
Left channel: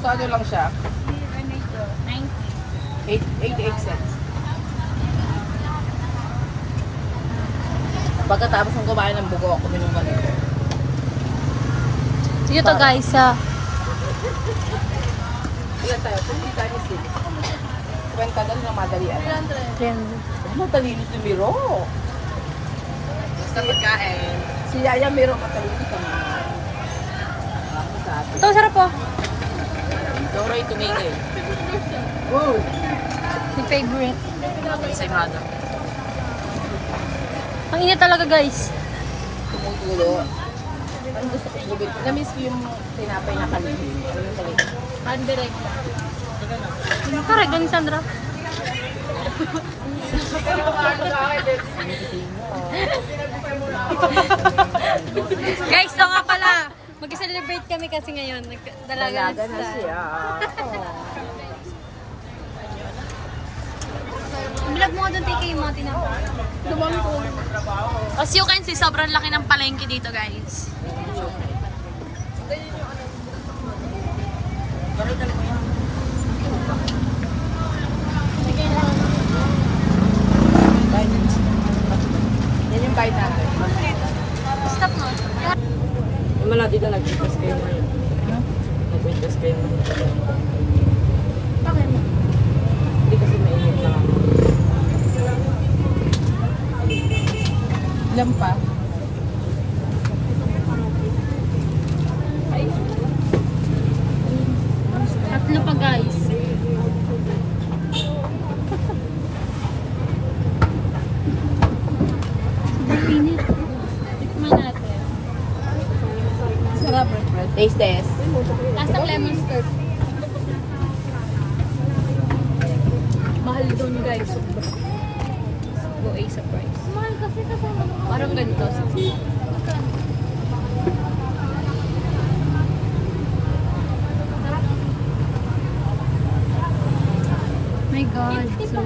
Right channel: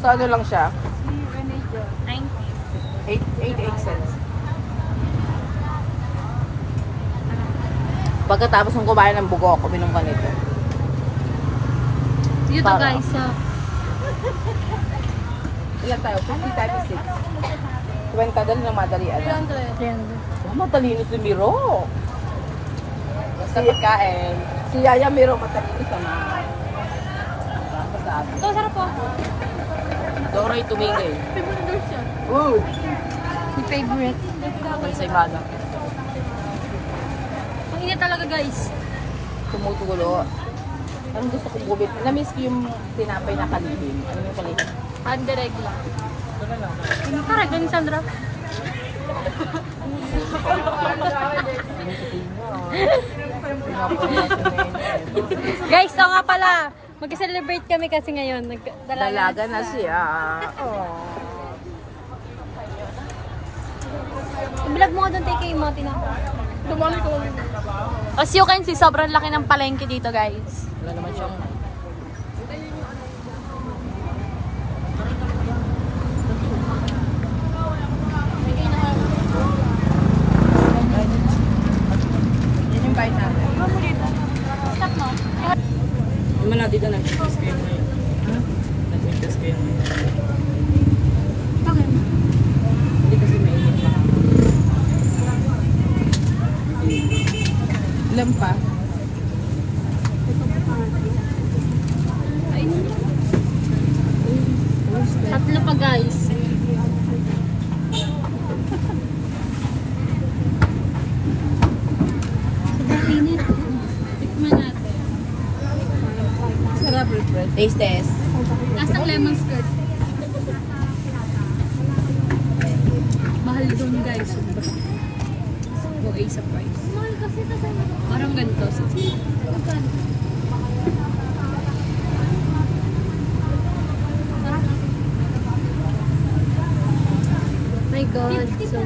So, ano lang siya? 88 cents. Pagkatapos ng kumain ng buko, kuminom ka nito. Dito to guys. Ilan tayo? 50 times 6. 20 doon yung madalian. 300. Madalinis yung biro. sa pagkain. Si Yaya meron kataliti sa mga masabi. Ito, sarap po. Doray tumingin. Ooh! My favorite. May sa imada. Ang init talaga, guys. Tumutulo. Namiss ko yung tinapay na kanina. Andirect. Correct, ni Sandra. Guys, so nga pala. Mag-celebrate kami kasi ngayon. Dalaga Dalaga na siya. Vlog mo nga doon, TK, yung mga tinapay. As you can see, sobrang laki ng palengke dito, guys. Yan yung bite natin. Stop mo. Naman natin dyan, nag-test kayo na yun. Ha? Nag-test kayo na yun. Hindi kasi mainit na. Ilan pa? Tatlo pa, guys. Sobrang init. Tikman natin. Sarap, Fred. Taste test. Taas ng lemon scoop. Mahal doon, guys. Sobra. No A sa price. Parang ganito. 60. My God. So,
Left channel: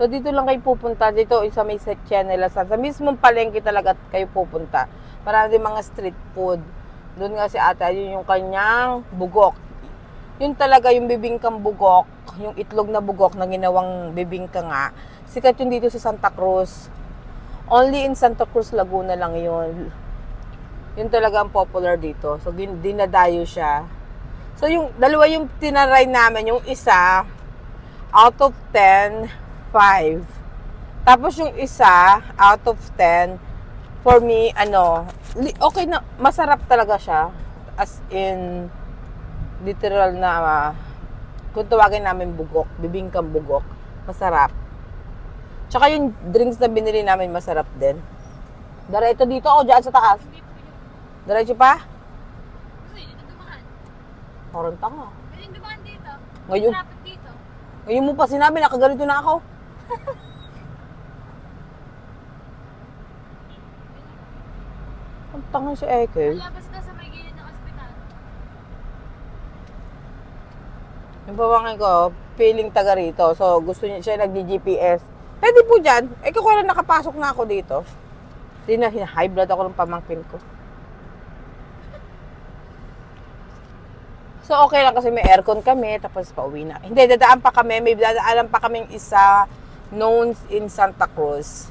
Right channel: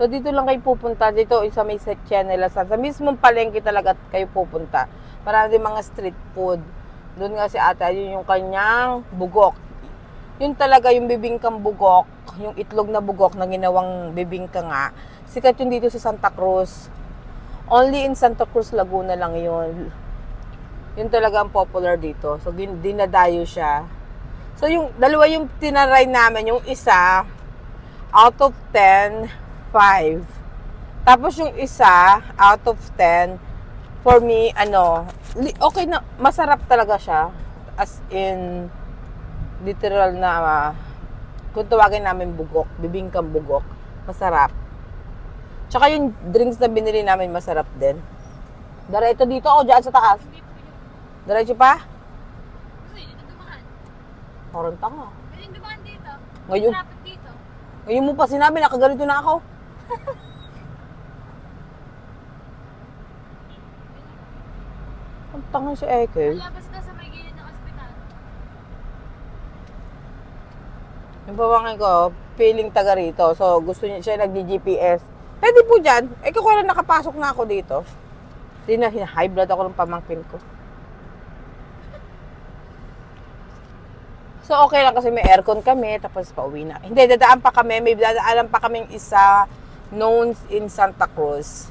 So dito lang kayo pupunta, dito sa may Setchenela, sa mismong palengke talaga kayo pupunta. Marami din mga street food. Doon nga si ate, yun yung kanyang bugok. Yun talaga yung bibingkang bugok, yung itlog na bugok na ginawang bibingka nga. Sikat yun dito sa Santa Cruz. Only in Santa Cruz, Laguna lang yun. Yun talaga ang popular dito. So dinadayo siya. So yung dalawa yung tinaray namin, yung isa out of 10, 5. Tapos yung isa, out of 10, for me, okay na, masarap talaga siya. As in, literal na, kung tawagin namin bugok, bibingkang bugok, masarap. Tsaka yung drinks na binili namin, masarap din. Diretso dito o dyan sa taas? Diretso pa? Parang tanga. pwedeng dumaan dito. Ngayon, Traffic dito. ngayon mo pa sinabi, nakaganito na ako. Ang tanga si Eke. Labas ka sa may gilid ng ospital. Yung pamangkin ko, feeling taga rito. So, gusto niya, siya nag-GPS. Pwede po dyan. Eh, kung wala nakapasok na ako dito. Hindi na, high blood ako ng pamangkin ko. So, okay lang kasi may aircon kami, tapos pauwi na. Hindi, dadaan pa kami. May dadaanan pa kaming isa known in Santa Cruz.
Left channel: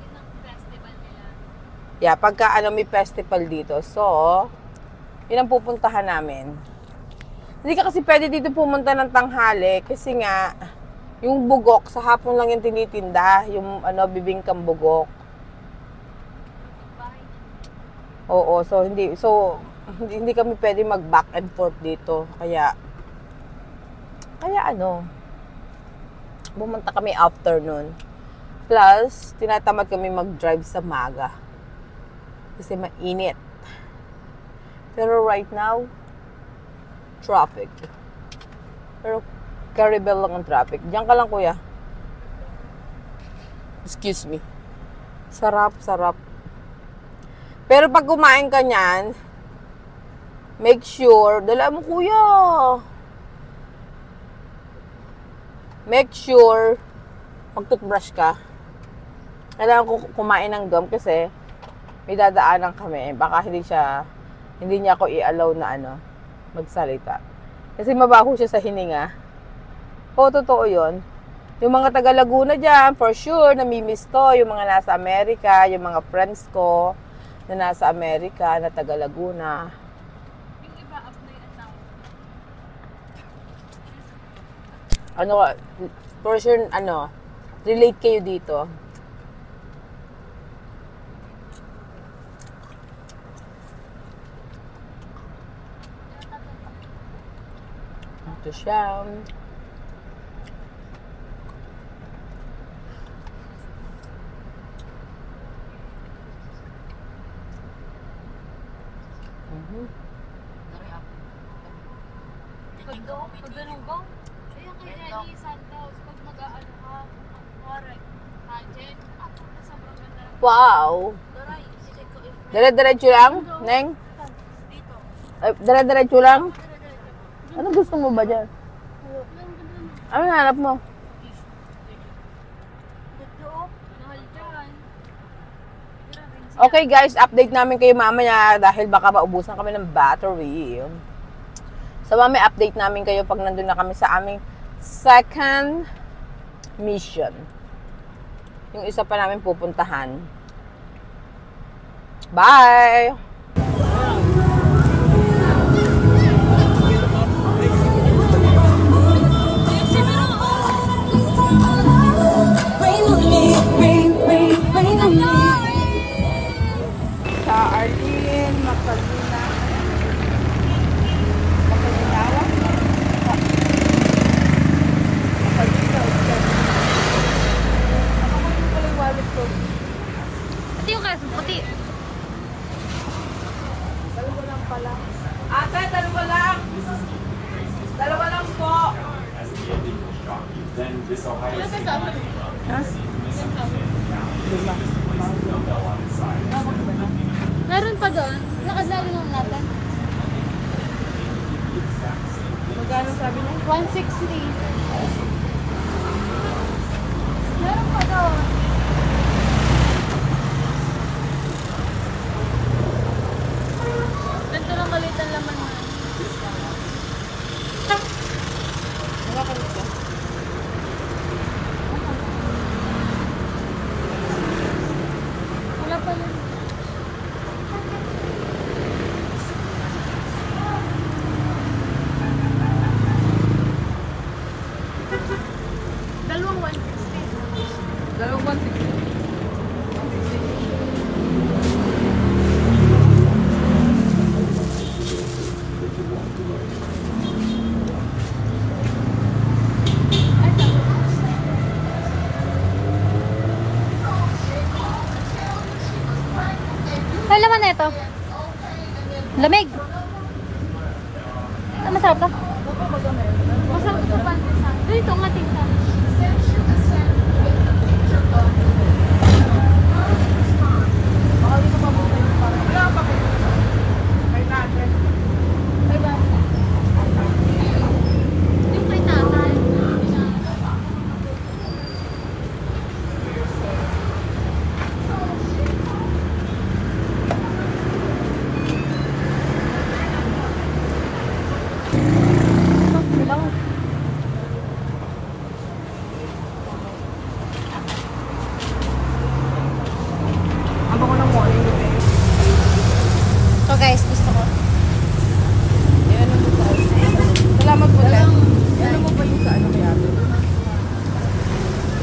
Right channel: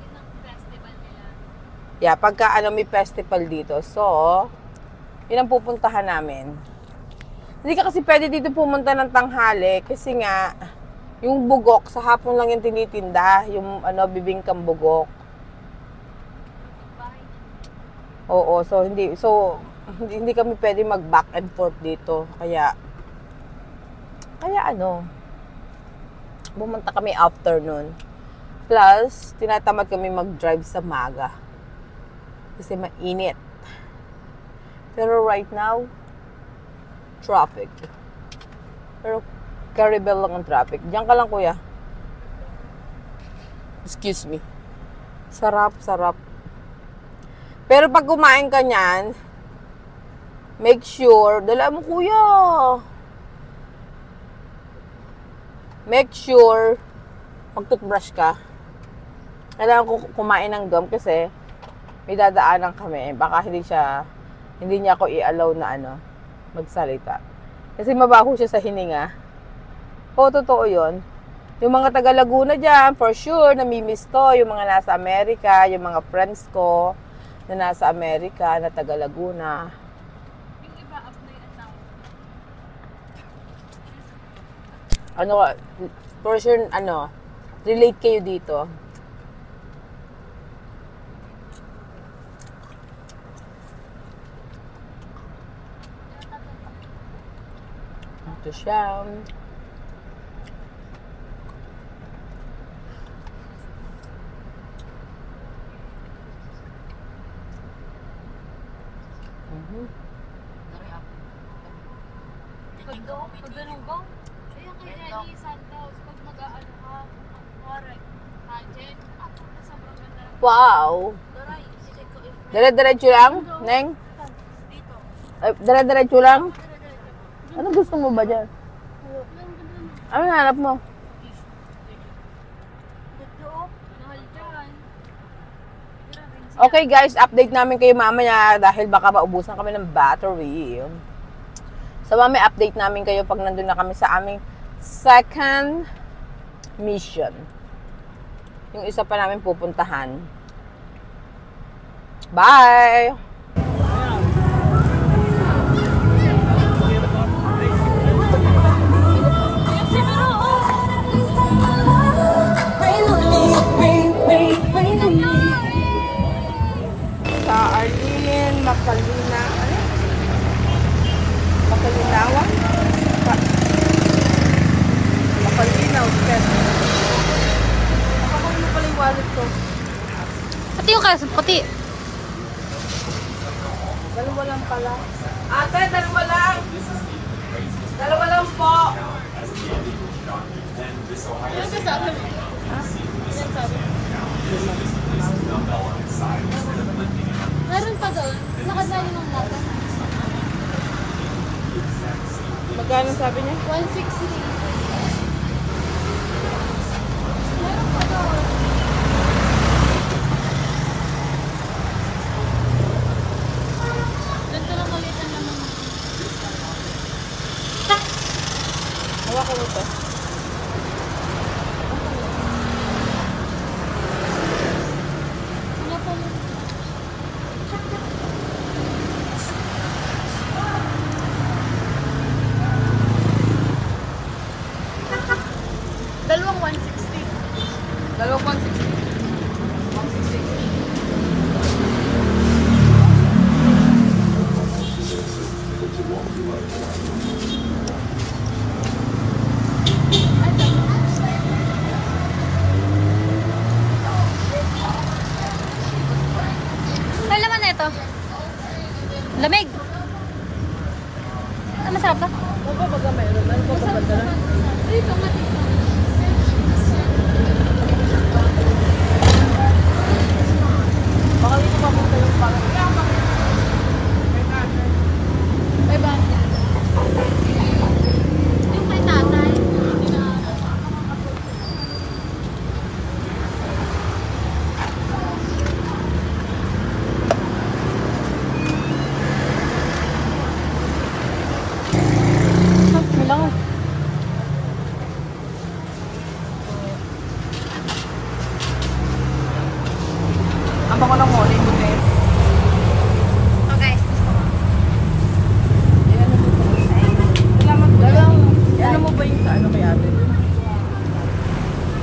Yun ang festival nila. Yeah, pagka may festival dito. So, yun ang pupuntahan namin. Hindi ka kasi pwede dito pumunta ng tanghali kasi nga, yung bugok, sa hapon lang yung tinitinda. Yung bibingkang bugok. Oo, so hindi kami pwede mag back and forth dito. Kaya pumunta kami afternoon. Plus, tinatamad kami mag-drive sa maga. Kasi mainit. Pero right now, traffic. Pero Caribel lang ang traffic. Diyan ka lang, kuya. Excuse me. Sarap, sarap. Pero pag kumain ka niyan, make sure, dala mo, kuya. Make sure, mag-toothbrush ka, kailangan ko kumain ng gum kasi may dadaanan kami. Baka hindi niya ako i-allow na magsalita. Kasi mabaho siya sa hininga. Oo, totoo yun. Yung mga taga Laguna dyan, for sure, namimiss to. Yung mga nasa Amerika, yung mga friends ko na nasa Amerika, na taga Laguna. Yung iba, apply at For sure, relate kayo dito. Ito siya. Pag ganun ko, kaya Jenny Santos, pag mag-aano ka, correct, Jen, ako na sobrang ganda lang. Wow! Daray, check ko if Dire-diretso lang, Neng? dito. Dire-diretso lang? Ano gusto mo ba dyan? Ano hanap mo? Mahal dyan. Okay guys, update namin kayo mamaya dahil baka maubusan kami ng battery. So mamaya update namin kayo pag nandun na kami sa aming second mission. Yung isa pa namin pupuntahan. Bye! Sa Arlene, Mapalinawan. Mapalinaw. Nakakunin pala yung wallet ko. Pati yung kaso, pati. Dalawa lang pala. Ate, dalawa lang. Dalawa lang po. Meron pa doon. Nakadali ng natin. Magkano sabi niya? 160. Meron pa doon. Ganito lang maliit ang laman mo. Hawakan mo to. Wala pa lang. Dalawang 160. Dalawang 160. 160. Ay, sabi. Ay, laman na ito. Lamig. Ah, masarap to? Masarap to pa. Dito nga dito. Yung may tatay. Kailangan. Ang baka lang muna ito eh. So guys, gusto ko. Yan mo po. Salamat po lang. Yan mo ba yung ano ba yan?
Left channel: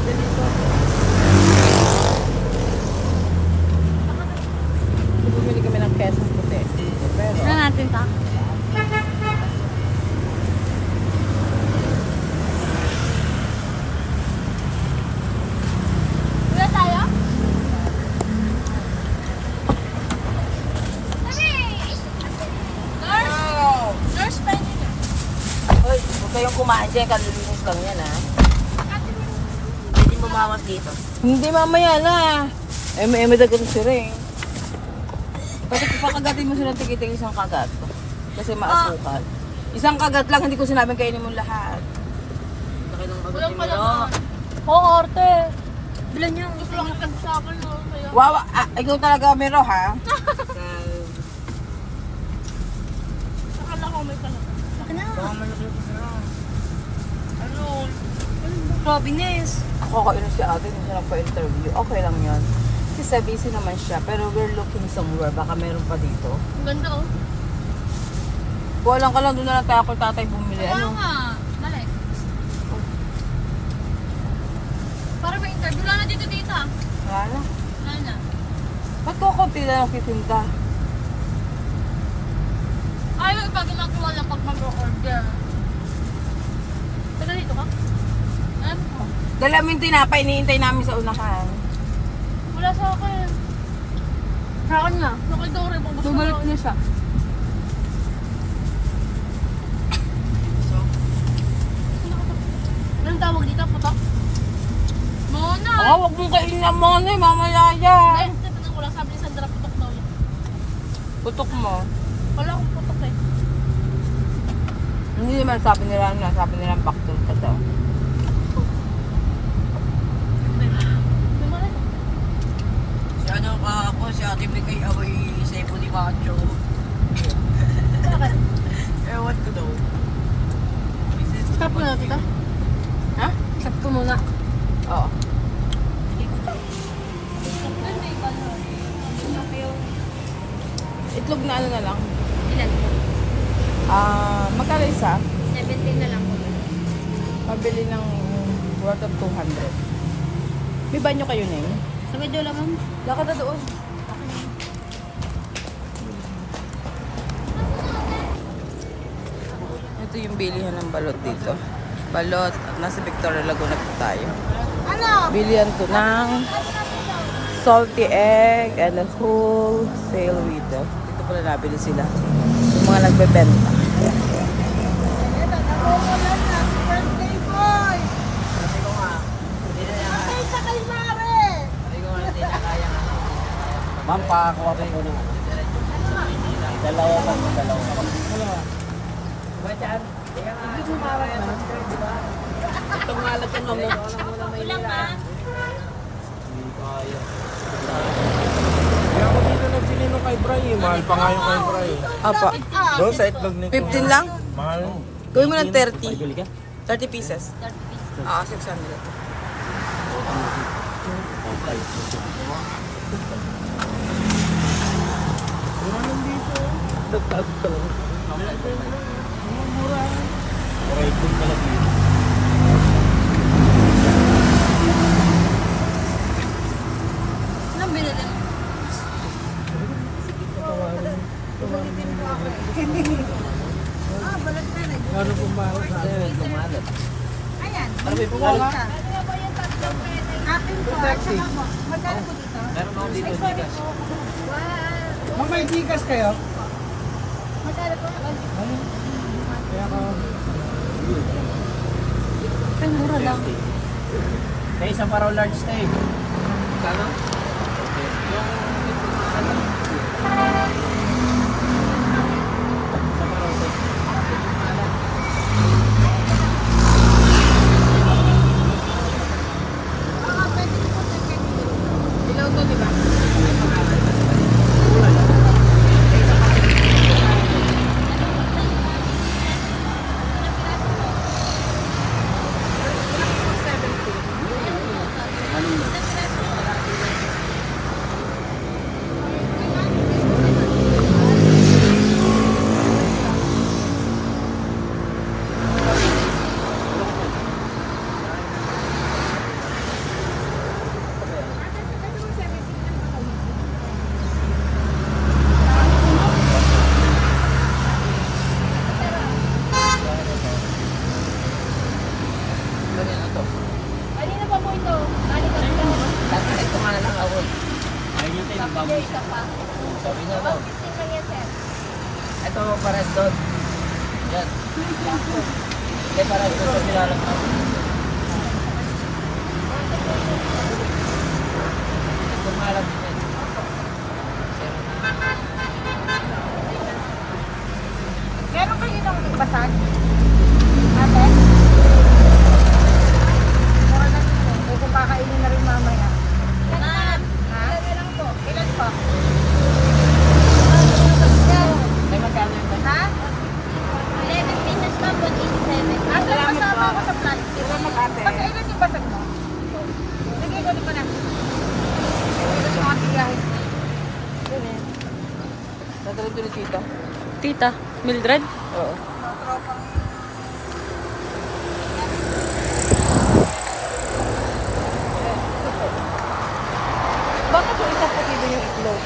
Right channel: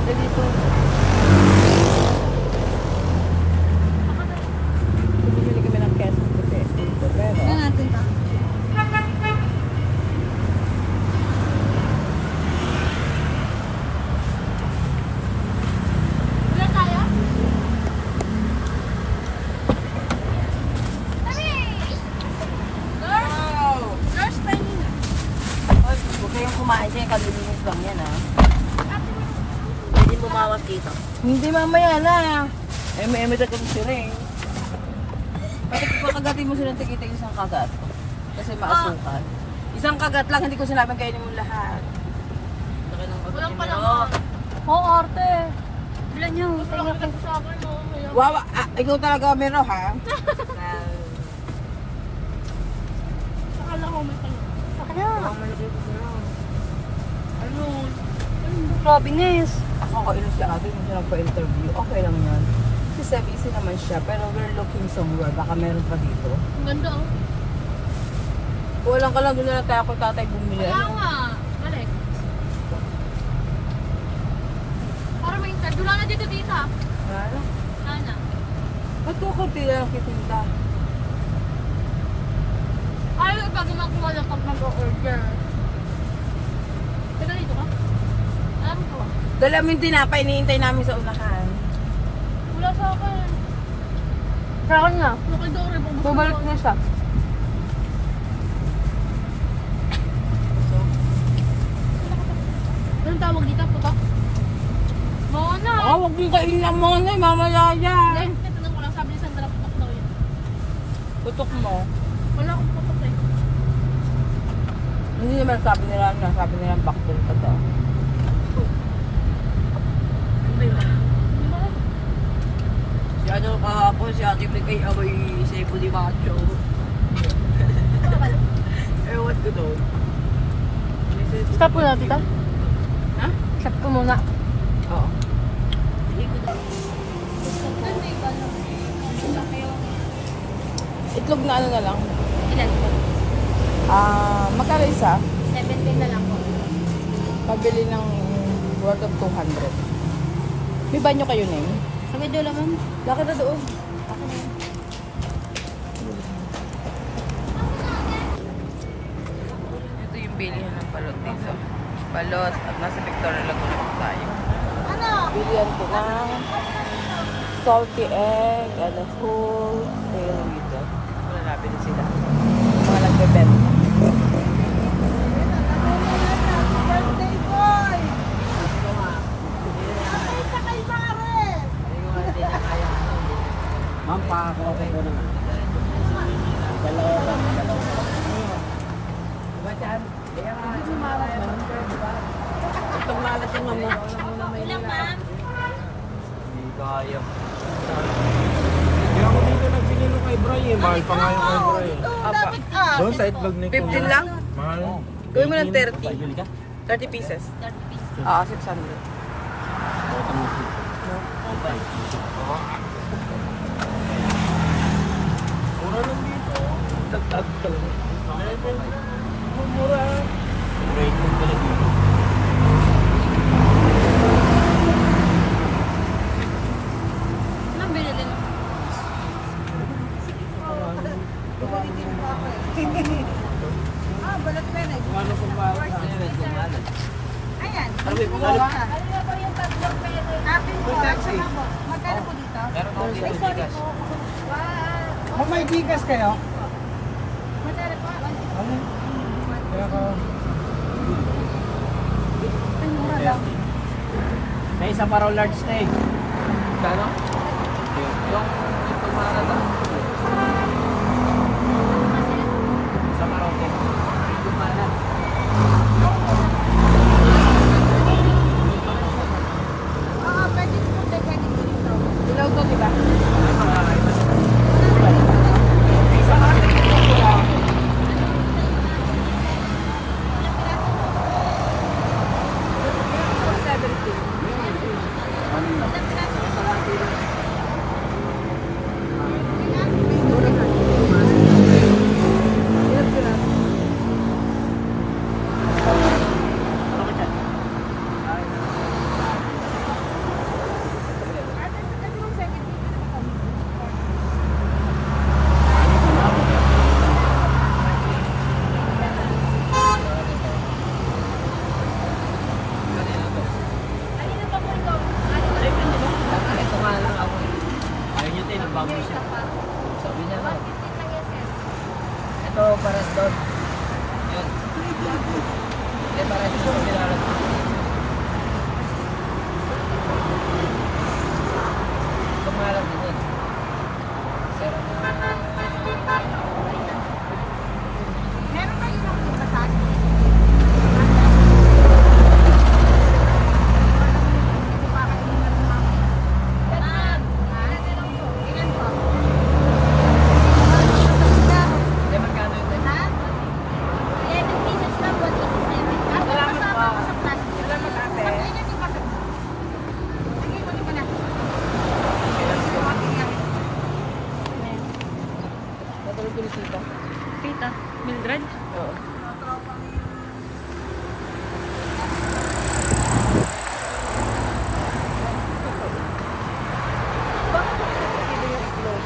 Dito. Bumili kami ng queso puti. Ano natin pa? Wala tayo? Nurse friend. Hoy, huwag kayong kumain dyan. Kalilinis lang yan ah. Pwede bumawas dito. Hindi mamaya na. Eme na ganun sila eh. Pati pakagatin mo sila tikitig isang kagat. Kasi maasukan. Isang kagat lang, hindi ko sinabing kainin mo lahat. Walang pala. Oo, arte. Ilan niyo? Gusto lang kita sa akin. Kaya, Wow, ikaw talaga mero ha? saka na ako may tanong. Baka na. Grabe, Nes. Nakakainis si ate, hindi siya nagpa-interview. Okay lang yan. Kasi busy naman siya, pero we're looking somewhere. Baka meron pa dito. Ang ganda oh. Kulang ka lang doon na lang tayo kung tatay bumili. Kaya Ano? nga. Dali. Para may interview. Wala na dito, tita. Wala. Wala na. Ba't ko konti lang nakitinta? Ayaw pag ginagawa lang pag mag-order. Dito dito ka? Alam ko. Dala mo yung tinapay, iniintay namin sa unahan. Wala sa akin. Saan nga? Nakita ko rin po. Bumalik mo siya. Anong tawag dito? Putok? Mona! Ah, huwag mong kainin ang mona, mamaya yan. Titignan ko lang. Sabi ni Sandra, putok daw yun. Putok mo. Wala akong putok eh. Hindi naman sabi nila back to sa daw. Si ano kahapon, si Ate Bigay ako'y sa ipo di mga choco. Ewan ko daw. Stop ko lang dito. Ha? Stop ko muna. Oo. Itlog na ano na lang. Ilan po? Magkano isa? 17 na lang po. Pabili ng worth of 200. May banyo kayo na yun? Sa medyo lang, ma'am. Lakad na doon. Ito yung bilihan ng balot dito. Balot at nasa Victoria Laguna po tayo. Ano? Bilihan ko ng salty egg and a whole sale dito. Ito pala nabili sila. Mga nagbebenta. Ma'am, pakakuha ko po ng dalawa lang. Itong malat yung mama. Ilang, ma'am? Hindi kaya. Kaya ako dito nagbili nung kay Bray eh. Mahal pa nga yung kay Bray eh. Apa. Doon sa itlog ni 15 lang? Mahal. Gawin mo ng 30. Bibili ka? 30 pieces. 30 pieces. Oo, 600. Mura itlog talaga. Anong binili mo? Ano kung mahal na? Kumalat. Ayan. Sabi po nga. Ano nga po yung tatlong pwede? Akin po. Magkano po dito? Meron ako dito. Sorry po. Wow. May bigas kayo? Magkano po? Kaya ko. Ang mura lang. Sa isang paraw large steak. Kano? Sa paraw steak. Oo, pwede po ganyan dito. Ilaw to, di ba? Ulan. Sabi niya no. Ito pares doon. Yan. Ito pares doon sa bilalag mo. Ito malam din yan. Sira na. Meron kayo ng basag? Ate? Mura lang naman. Ganito ni Tita. Tita, Mildred? Oo. Bakit yung isa po dito yung itlog?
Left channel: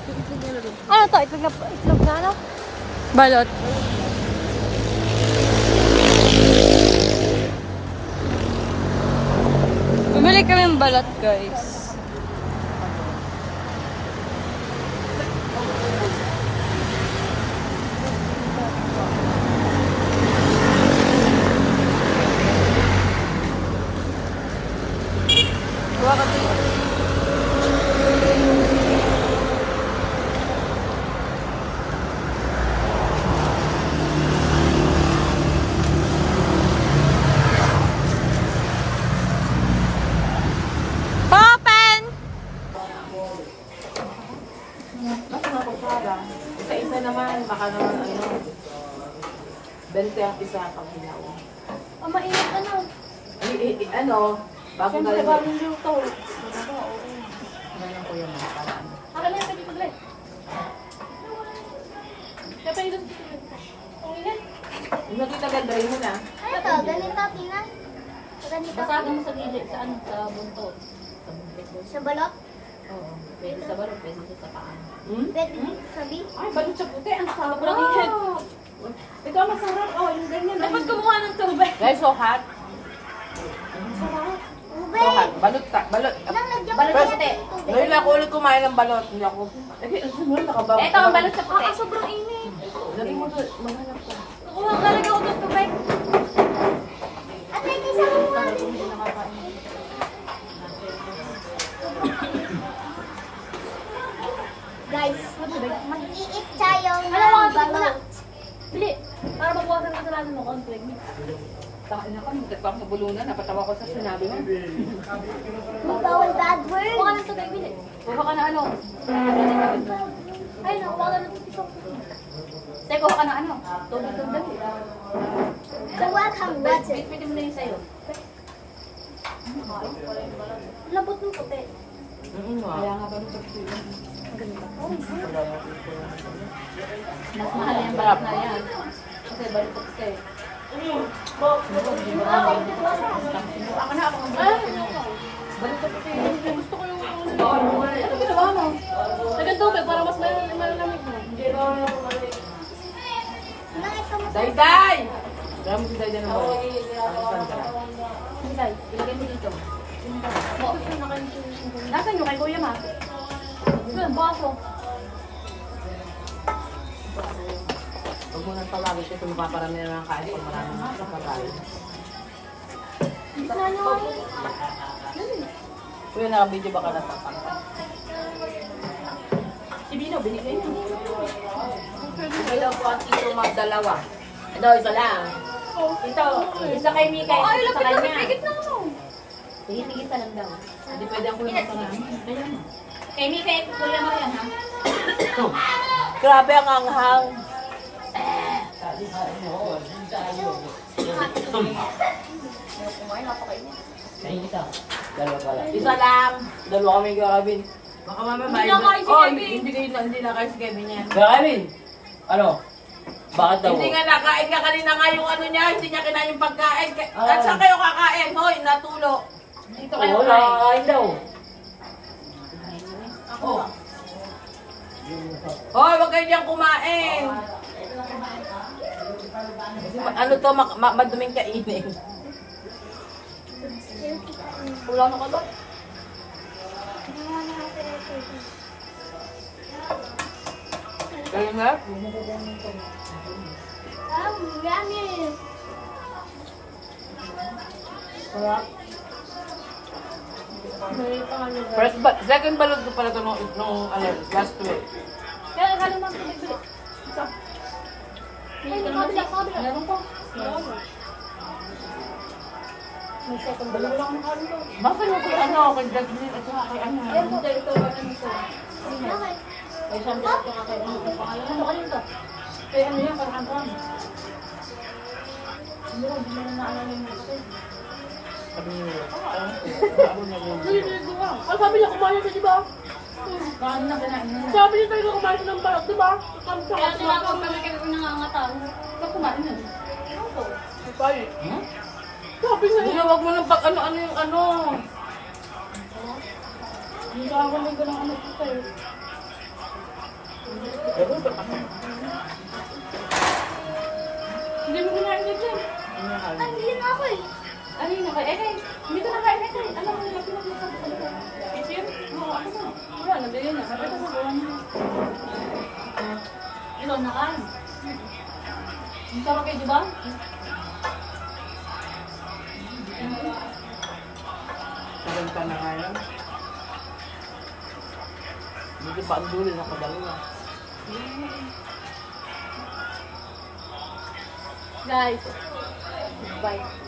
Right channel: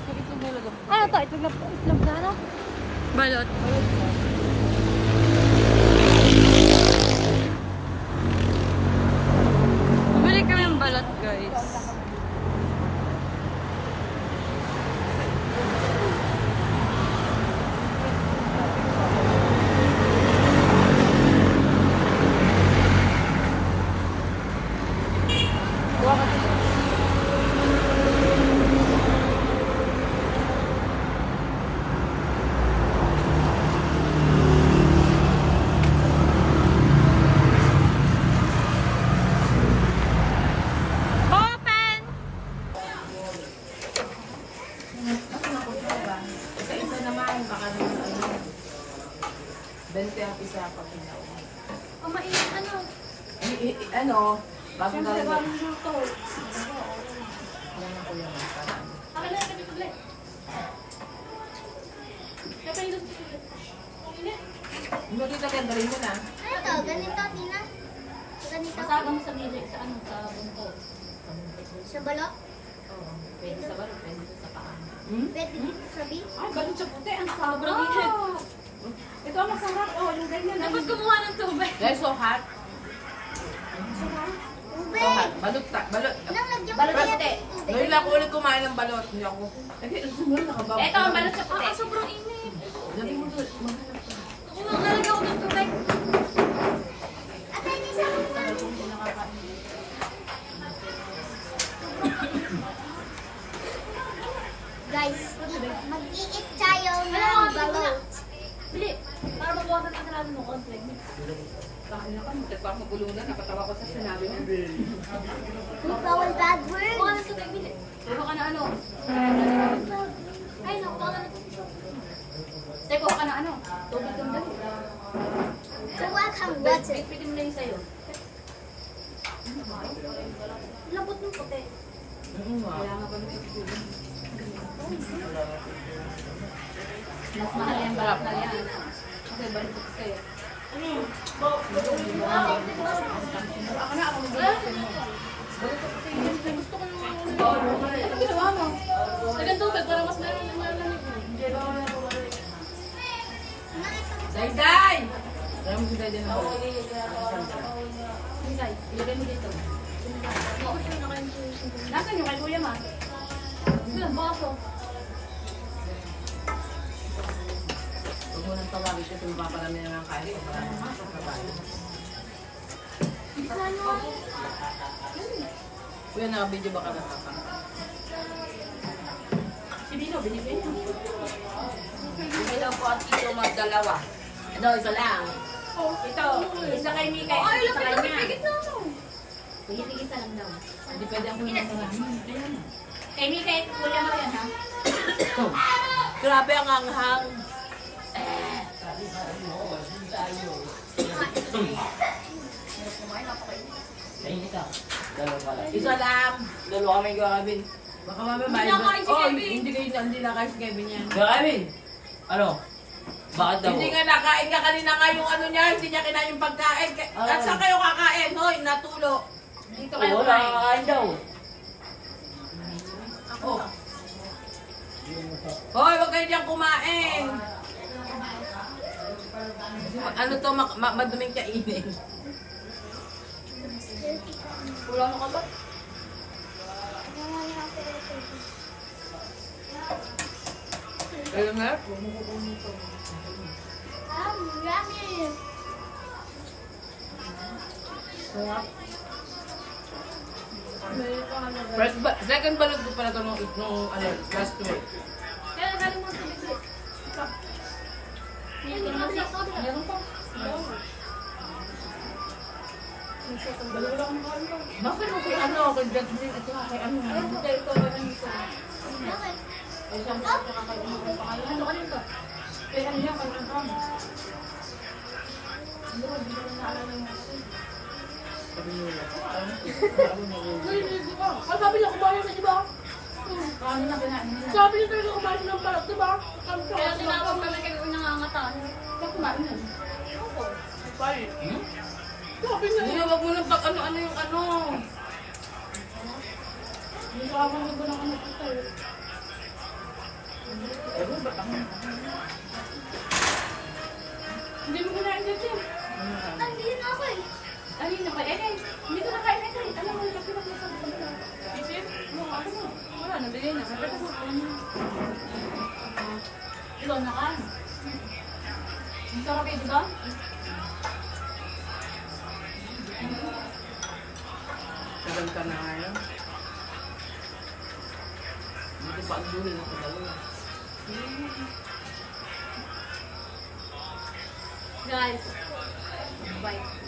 Yung itlog nila doon. Ano to? Itlog na ano? Balot. Bumili kami ng balot, guys. Open! Sa isa naman, baka naman ano, 20 ang isa pag hilaw. Oh, mainit ano? Ano, bago na rin. Bagong luto. Ano na ko yun, para ano. Akala na, pwede paglit. Kaya pwede gusto ko. Okay na. Yung nakita ganda rin mo na. Ano to? Ganito, Tina? Ganito? Masaga mo sa gilid, sa ano, sa buntot. Sa balot? Oo. Pwede sa balot, pwede sa paa. Pwede sabi? Ay, balot sa puti. Ang sarap. Sobrang init. Ito ang masarap. Oh, yung ganyan. Dapat kumuha ng tubig. Guys, so hot. Ube! So hot. Balot ta, balot. Nang lagyan Balot ko sa puti. yan ng tubig. Ngayon ako ulit kumain ng balot. Hindi ako. Sumunod nakabaw. Ito ang balot sa paa. Sobrang init. Dali mo doon, maghanap ka. Kukuha, lalagyan ko ng tubig. At may isa ko nga. Guys, mag-iit tayo ng balot. Bili. Para makuha ka ng mo konti. Takin na ka, mutik pa mabulunan. Napatawa ko sa sinabi mo. Bawal bad Kuha words. ng tubig, bili. Kuha ka na ano? Ay, no, kuha ka na ng tubig. Teka, kuha ka na ano? Tubig ng dali. Kuha kang water. Pwede mo na yung sayo. Lambot ng puti. Kaya nga ba Mas mahal yung balot na yan. Kasi balot ko puti. Gusto ko yung ano ginawa mo? Lagyan tubig para mas malamig mo. Bakit ka mas... Day! Kaya mo si Day ng balot. Sandra. Hinday, ilagay mo dito. Nasaan yung kay Kuya Ma? Ito, baso. Huwag mo nang tawagin siya kung paparami na lang kain pag maraming makakabay. Kuya, naka-video ba ka na tatang? Si Bino, binigay niya. Hindi daw po ang tito magdalawa. Ito, isa lang. Ito, isa kay Mika. Ay, Isa lapit kay na, niya. pigit na ano. Tigit-tigit lang daw. Hindi pwede ang kuya magdalawa. Kay Mika, Kuya Ma yan ha? Grabe ang anghang. Isa lang. Dalawa kami gagawin. Baka mamaya Hindi nakain si Oh, Kevin. hindi nakain si Kevin yan. Kevin! Ano? Bakit daw? Hindi nga nakain ka kanina nga yung ano niya, hindi niya kinain yung pagkain. At saan kayo kakain? Hoy, natulo. Dito kayo Oo, kain. nakakain daw. Ako. Hoy, wag kayo diyang kumain. Kasi ano to, maduming kainin. Wala na ka ba? Kayo nga? Yummy! Second balot ko pala to nung last week. Kaya nakalim mo ang tubig, bili. Ito. Bili ka naman sa kabila. Meron pa. May second balot. Wala ko nakalim ko. Bakit mo kay ano, kay Jasmine, ito nga kay ano. Ayan po, kayo ito. Ano ito? Bakit? Ay, isang balot ka kayo. Ano pa kayo? Ano ka dito? Kaya ano yan, karang-karang. Hindi mo na naalala yung mga ito. Sabi niyo, Dali, dali, gumawa. Sabi niya, kumain ka, di ba? Sabi niya talaga kumain ng balot, di ba? Kaya tinawag kami kami nangangatan. Kumain yan. Sabi. Sabi niya, Hindi, wag mo nang pag ano-ano yung ano. hindi ka ako lang ng ano ko sa'yo. Hindi mo kinain dito. Nandiyan na ako eh. Ano yun ako? Hindi ko nakain ito eh. Alam ko yung pinag-usap ko. Isin? Oo, ano na? Wala, nabigay na. Kapit ako buwan niya. Ikaw nakain. Ang sarap eh, di ba? Tagal ka na nga yan. Hindi pa ang dulo na kadalawa. Guys. Bye.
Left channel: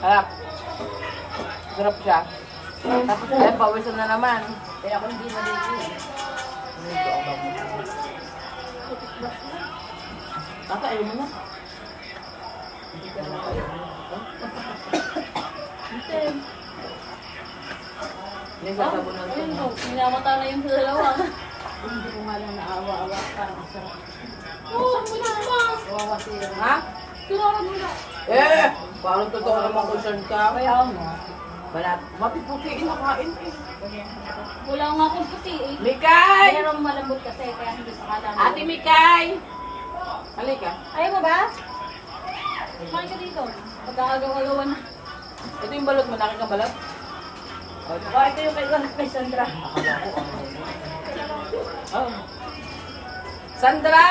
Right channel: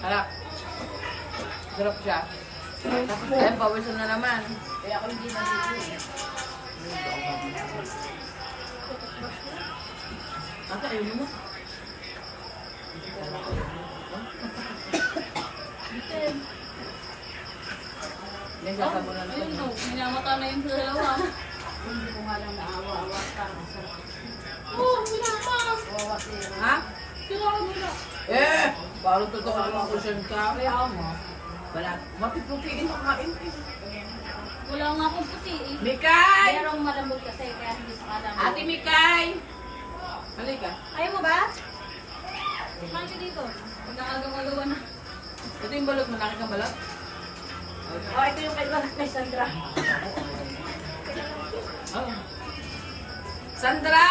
Harap. Sarap siya. Tapos ay pawisan na naman. Kaya ako hindi naliligo. Tata, ayaw mo na. Yan, sasabunan ko Ayun na. no, minamata na yung dalawa. Hindi ko nga lang naawa-awa. Parang sarap. Oo, minamata. Ha? Tinawag mo na. Eh! Parang totoo naman concern ka. Kaya mo. Wala. Mapiputiin na kain eh. Wala nga akong puti eh. Mikay! Merong malambot kasi, kaya hindi pa kala. Ate Mikay! Halika. Ayaw mo ba? Kumain ka dito. Pagkakagawa-gawa na. Ito yung balot mo. Nakik ang balot? Oh, ito yung kay Sandra. Oh. Sandra!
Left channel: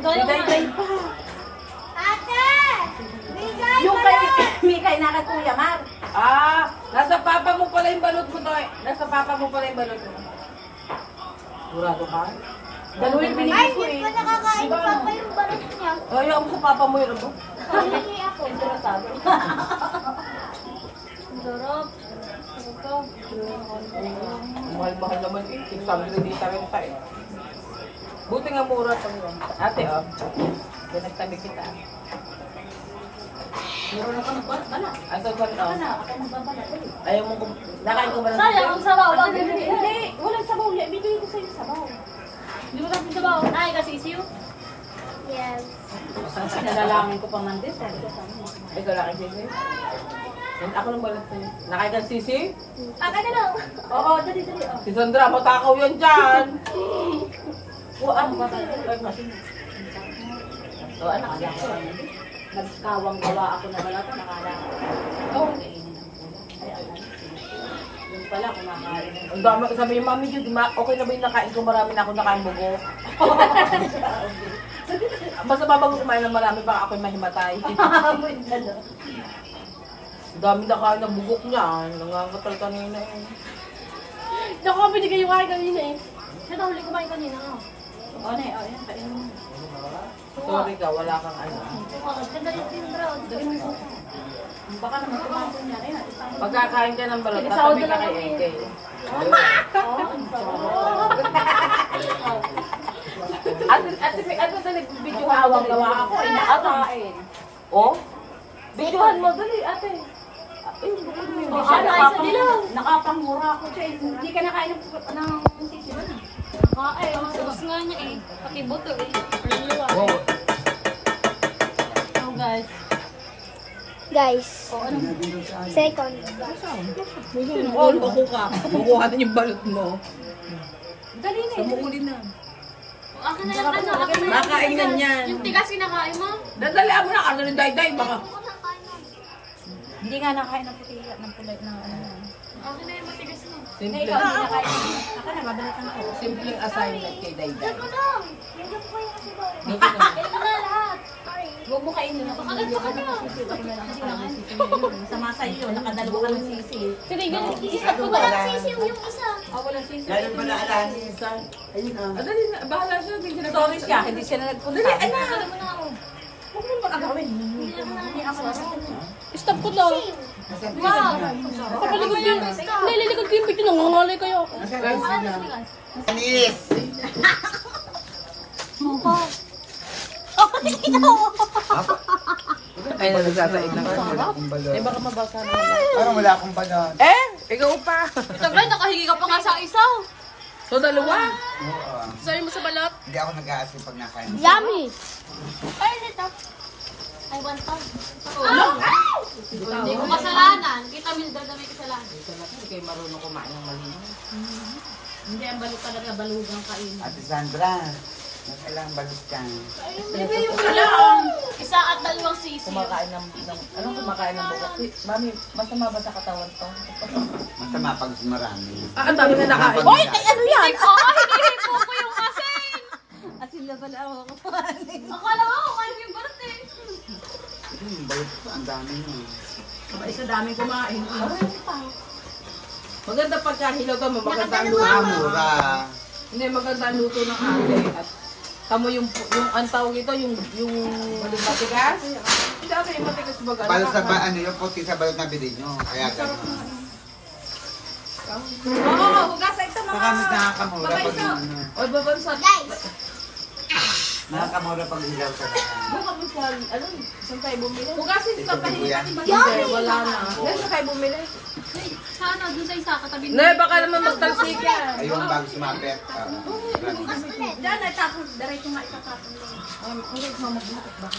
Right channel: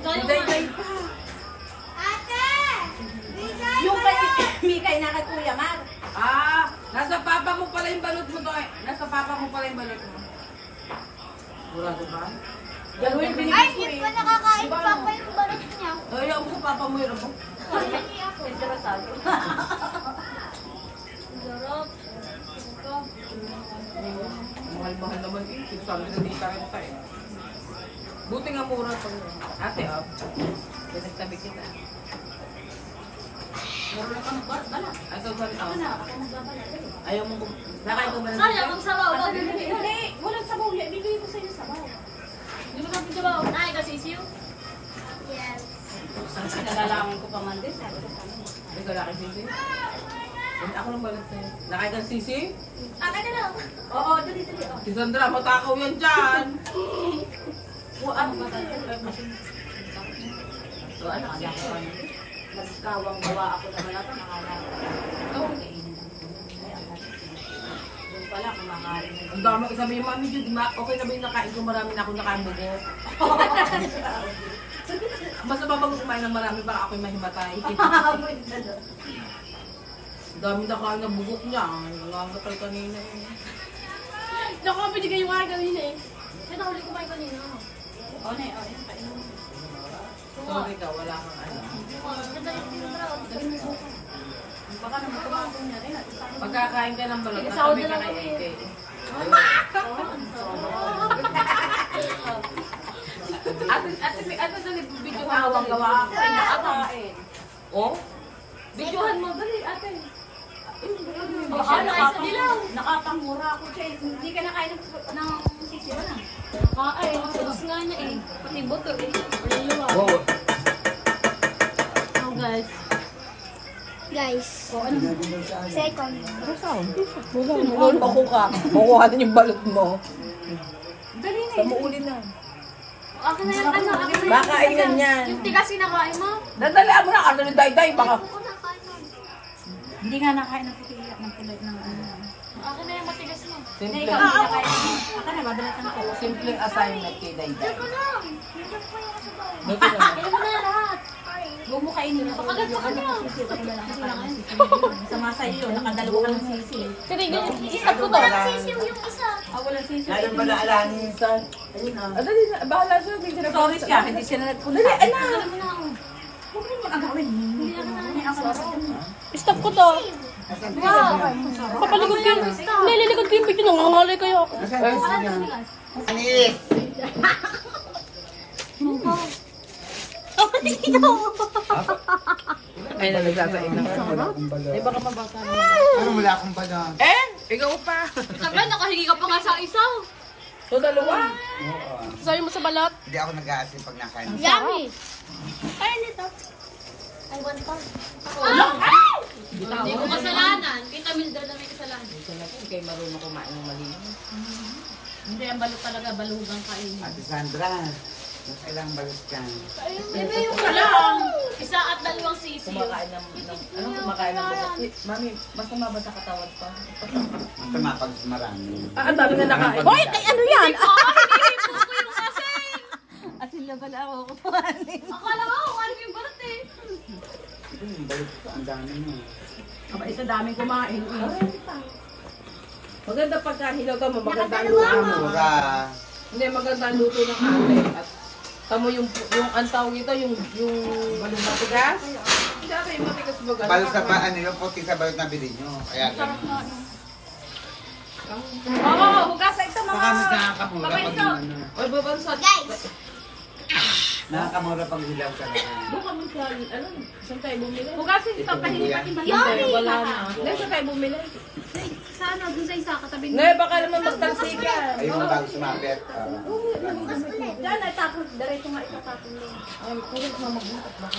Ayaw mo Day-day nga. pa. Ate! Bigay Yung kay Mikay na kay Kuya Mar. Ah! Nasa papa mo pala yung balot mo to eh. Nasa papa mo pala yung balot mo. Sigurado ka? Dalawa yung Ay, binigay ko hindi eh. pa nakakain pa pa yung balot niya. Ayaw mo sa papa mo yun ako. Hindi ako. Interesado. Sarap. Sarap. Mahal-mahal naman eh. Sabi na di tayo tayo. Buti nga mura pang yun. Ate, oh. Yan nagtabi kita. Mura na ka magbalat. Ato saan, oh. Ako magbabalat. Ayaw mo kung... Nakain ko ba ng Sayang ang sabaw. Wag Hindi, yun. hindi. Walang sabaw. Bigay ko sa'yo sabaw. Hindi mo natin sabaw. Ay, kasi isiw. Yes. Nalalangin ko pa man din. Ikaw lang sisi? Ako lang balot sa'yo. Nakain ka ng sisi? Akin na lang. Oo, dali. Oh. Si Sandra, matakaw yan dyan. Ano ba tayo? Ay, masin. O, anak, Kaya ko ano. Nagkawang gawa ako na wala pa nakala ko. Oo. Yung pala, kumakain. ang dami, sabi yung mami Jude, okay na ba yung nakain ko? Marami na ako nakain bugo. Basta babago kumain ng marami, baka ako'y mahimatay. Ang dami nakain na bugok niya. Nangangatal kanina eh. Naku, binigay yung akin kanina eh. Nahuli ko ba yung kanina? Oo na eh, yan, kainin mo. Sorry ka, wala kang ano. Kadalit din bro. Baka naman kumakon niya rin. Pagkakain ka ng balot, tatabi ka kay AK. Ate, dali, video hawang gawa ako. Ate. Oh? Videohan mo, dali, ate. Nakapangmura ako siya. Hindi ka nakain ng sisiyo na. Ay, gusto nga niya eh. Pati buto eh. Wow. Oh guys. Guys. Second. Oh, bako ka. Makuha din yung balot mo. Dali na. Sa muuli na. Akin na yung ano. Akin na yung Makainan yan. Yung tigas kinakain mo. Dadalian mo na, ano ni Dayday, baka. Hindi nga nakain ng puti ng kulay ng ano. Akin na yung matigas mo. Simple, Ako na, babalikan ako. simpleng assignment kay Dayday. Ito lang. Hindi ko yung kasabaw. Buti naman. Kaya mo na lahat. Sorry. Huwag mo kainin na. Pakagat sa kanya. Ako na lang nakain ng sisi. Sa masa iyo, nakadalawa ka ng sisi. Kinigan yung isa ko Wala ba? sisiw yung isa. Walang sisi. Lalo pa naalahanin sa... Ayun ah. Ah, dali na, bahala siya. Hindi siya Sorry siya, hindi siya na nagpunta. Dali, anak. Alam mo na ako. Huwag mo naman agawin. Hindi ako Stop ko daw. Wow. Pakaligod yun. Nililigod ko yung pito. Nangangalay kayo ako. Anis! Ay, nagsasain na. Di ba ka mabasa na? Parang wala akong pag... Eh! Ikaw pa. Sabay, nakahingi ka pa nga sa isa. So, dalawa. Sorry mo sa balot. Hindi ako nag-aasin pag nakain. Yummy! Ay, nito. I want to. Hindi ko kasalanan. Kita Mildred na may kasalanan. Hindi kayo marunong kumain ng mali. Hindi, ang balot talaga, balugang kainin. Ate Sandra, kailangan balot ka. Isa at dalawang sisi. Kumakain ng kumakain ng bukat. Mami, masama ba sa katawan pa? Masama pag marami. Ang dami na nakain. Hoy, ano yan? Hinihipo ko yung asin. Asin na pala ako kumain. Akala ko kung ano yung balot eh. Balot ko, ang dami mo. Aba, isa dami kumain. Maganda pagkahilaw to, maganda ang Mura. Hindi, maganda ang luto ng ate. At tamo yung ang tawag ito, yung balot na tigas. Hindi ako yung matigas baga. Balot sa ba, ano yung puti sa balot na bilhin nyo. Kaya Sarap kayo. nga eh. Oo, hugasa ito mga. Saka mas nakakamura pag ano. O, babansat. Guys! Nakakamura pag hilaw ka na. Buka mo sa, ano, saan tayo bumili? Hugasin ito, kahit pati ba? Hindi, wala na. Hindi tayo bumili. Sana, dun sa isa, katabi Hindi, baka naman magtalsikan. Ayun na bago sumapit. Diyan, natapos. Diretso maitatapon lang.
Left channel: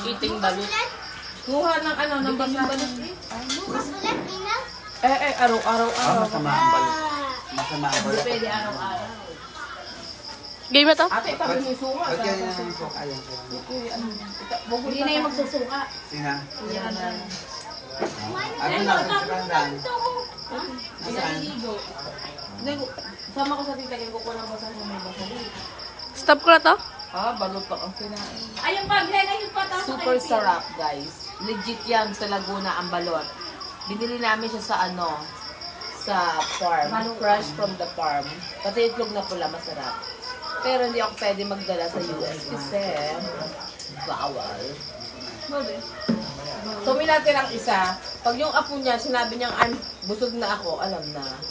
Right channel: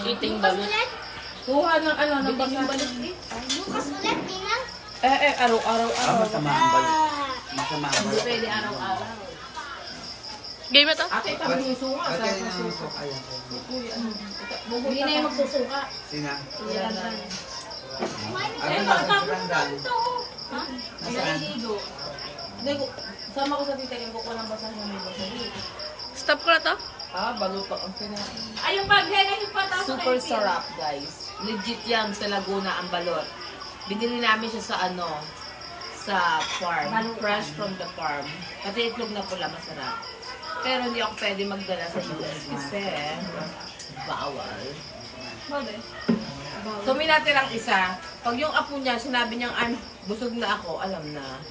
Eating balot. Kuha ng ano, ng basa. Bukas ulit, Ina. Araw-araw. Masama ang balot. Masama ang balot. Pwede araw-araw. Game na to? Ate, itabi mo yung suka. Lagyan na ng sok. Ayan. Hindi na yung magsusuka. Sina? Wala na. Ano na, sa landan. Naliligo. Hindi ko, sama ko sa tita, ko ko lang basa sa may basa. Stop ko na to? Balot pa ang sinain. Ay, yung paglagay yung patas. Super sarap, guys. Legit yan sa Laguna ang balot. Binili namin siya sa ano, sa farm. Fresh from the farm. Pati itlog na pula, masarap. Pero hindi ako pwede magdala sa US kasi bawal. So, may natirang isa. Pag yung apo niya, sinabi niyang busog na ako, alam na.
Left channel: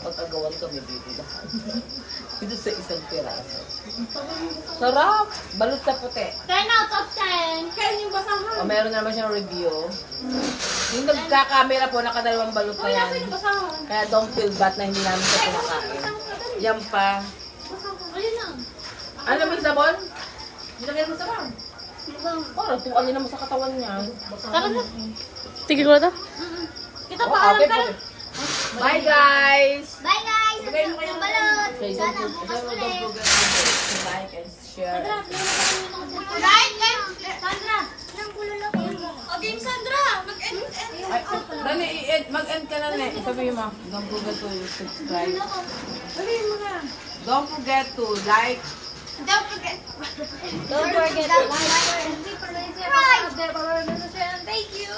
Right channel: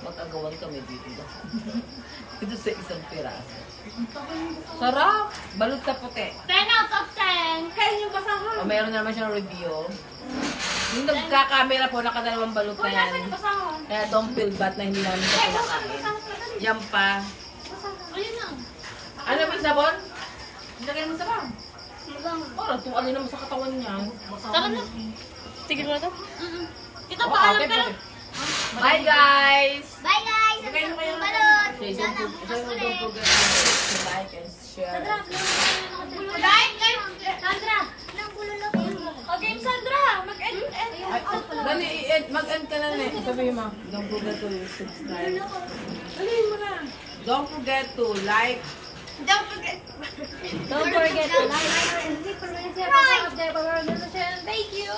Mag-agawan kami dito lahat. Dito sa isang piraso. Sarap! Balot sa puti. 10 out of 10. Kaya yung basahan. O, meron na naman siyang review. Yung nagka-camera po, nakadalawang balot na yan. Basahan. Kaya don't feel bad na hindi namin siya pinakain. Yan pa. Ayun lang. Ano naman sabon? Nilagay mo sa bang? Bang. Parang tuwalin naman sa katawan niya. Tara na. Tigil ko na to? Kita pa kayo ka. Bye guys! Bye guys! Ang sarap ng balot! Say, Sana don't bukas ulit! forget to like and share. Like, Sandra. Nang bululok yung Okay, Sandra. Mag-end. Ay, dali, mag-end ka na na. Sabihin mo, don't forget to subscribe. Dali mo na. Don't forget to like. Don't forget. Don't forget to like and subscribe! Thank you.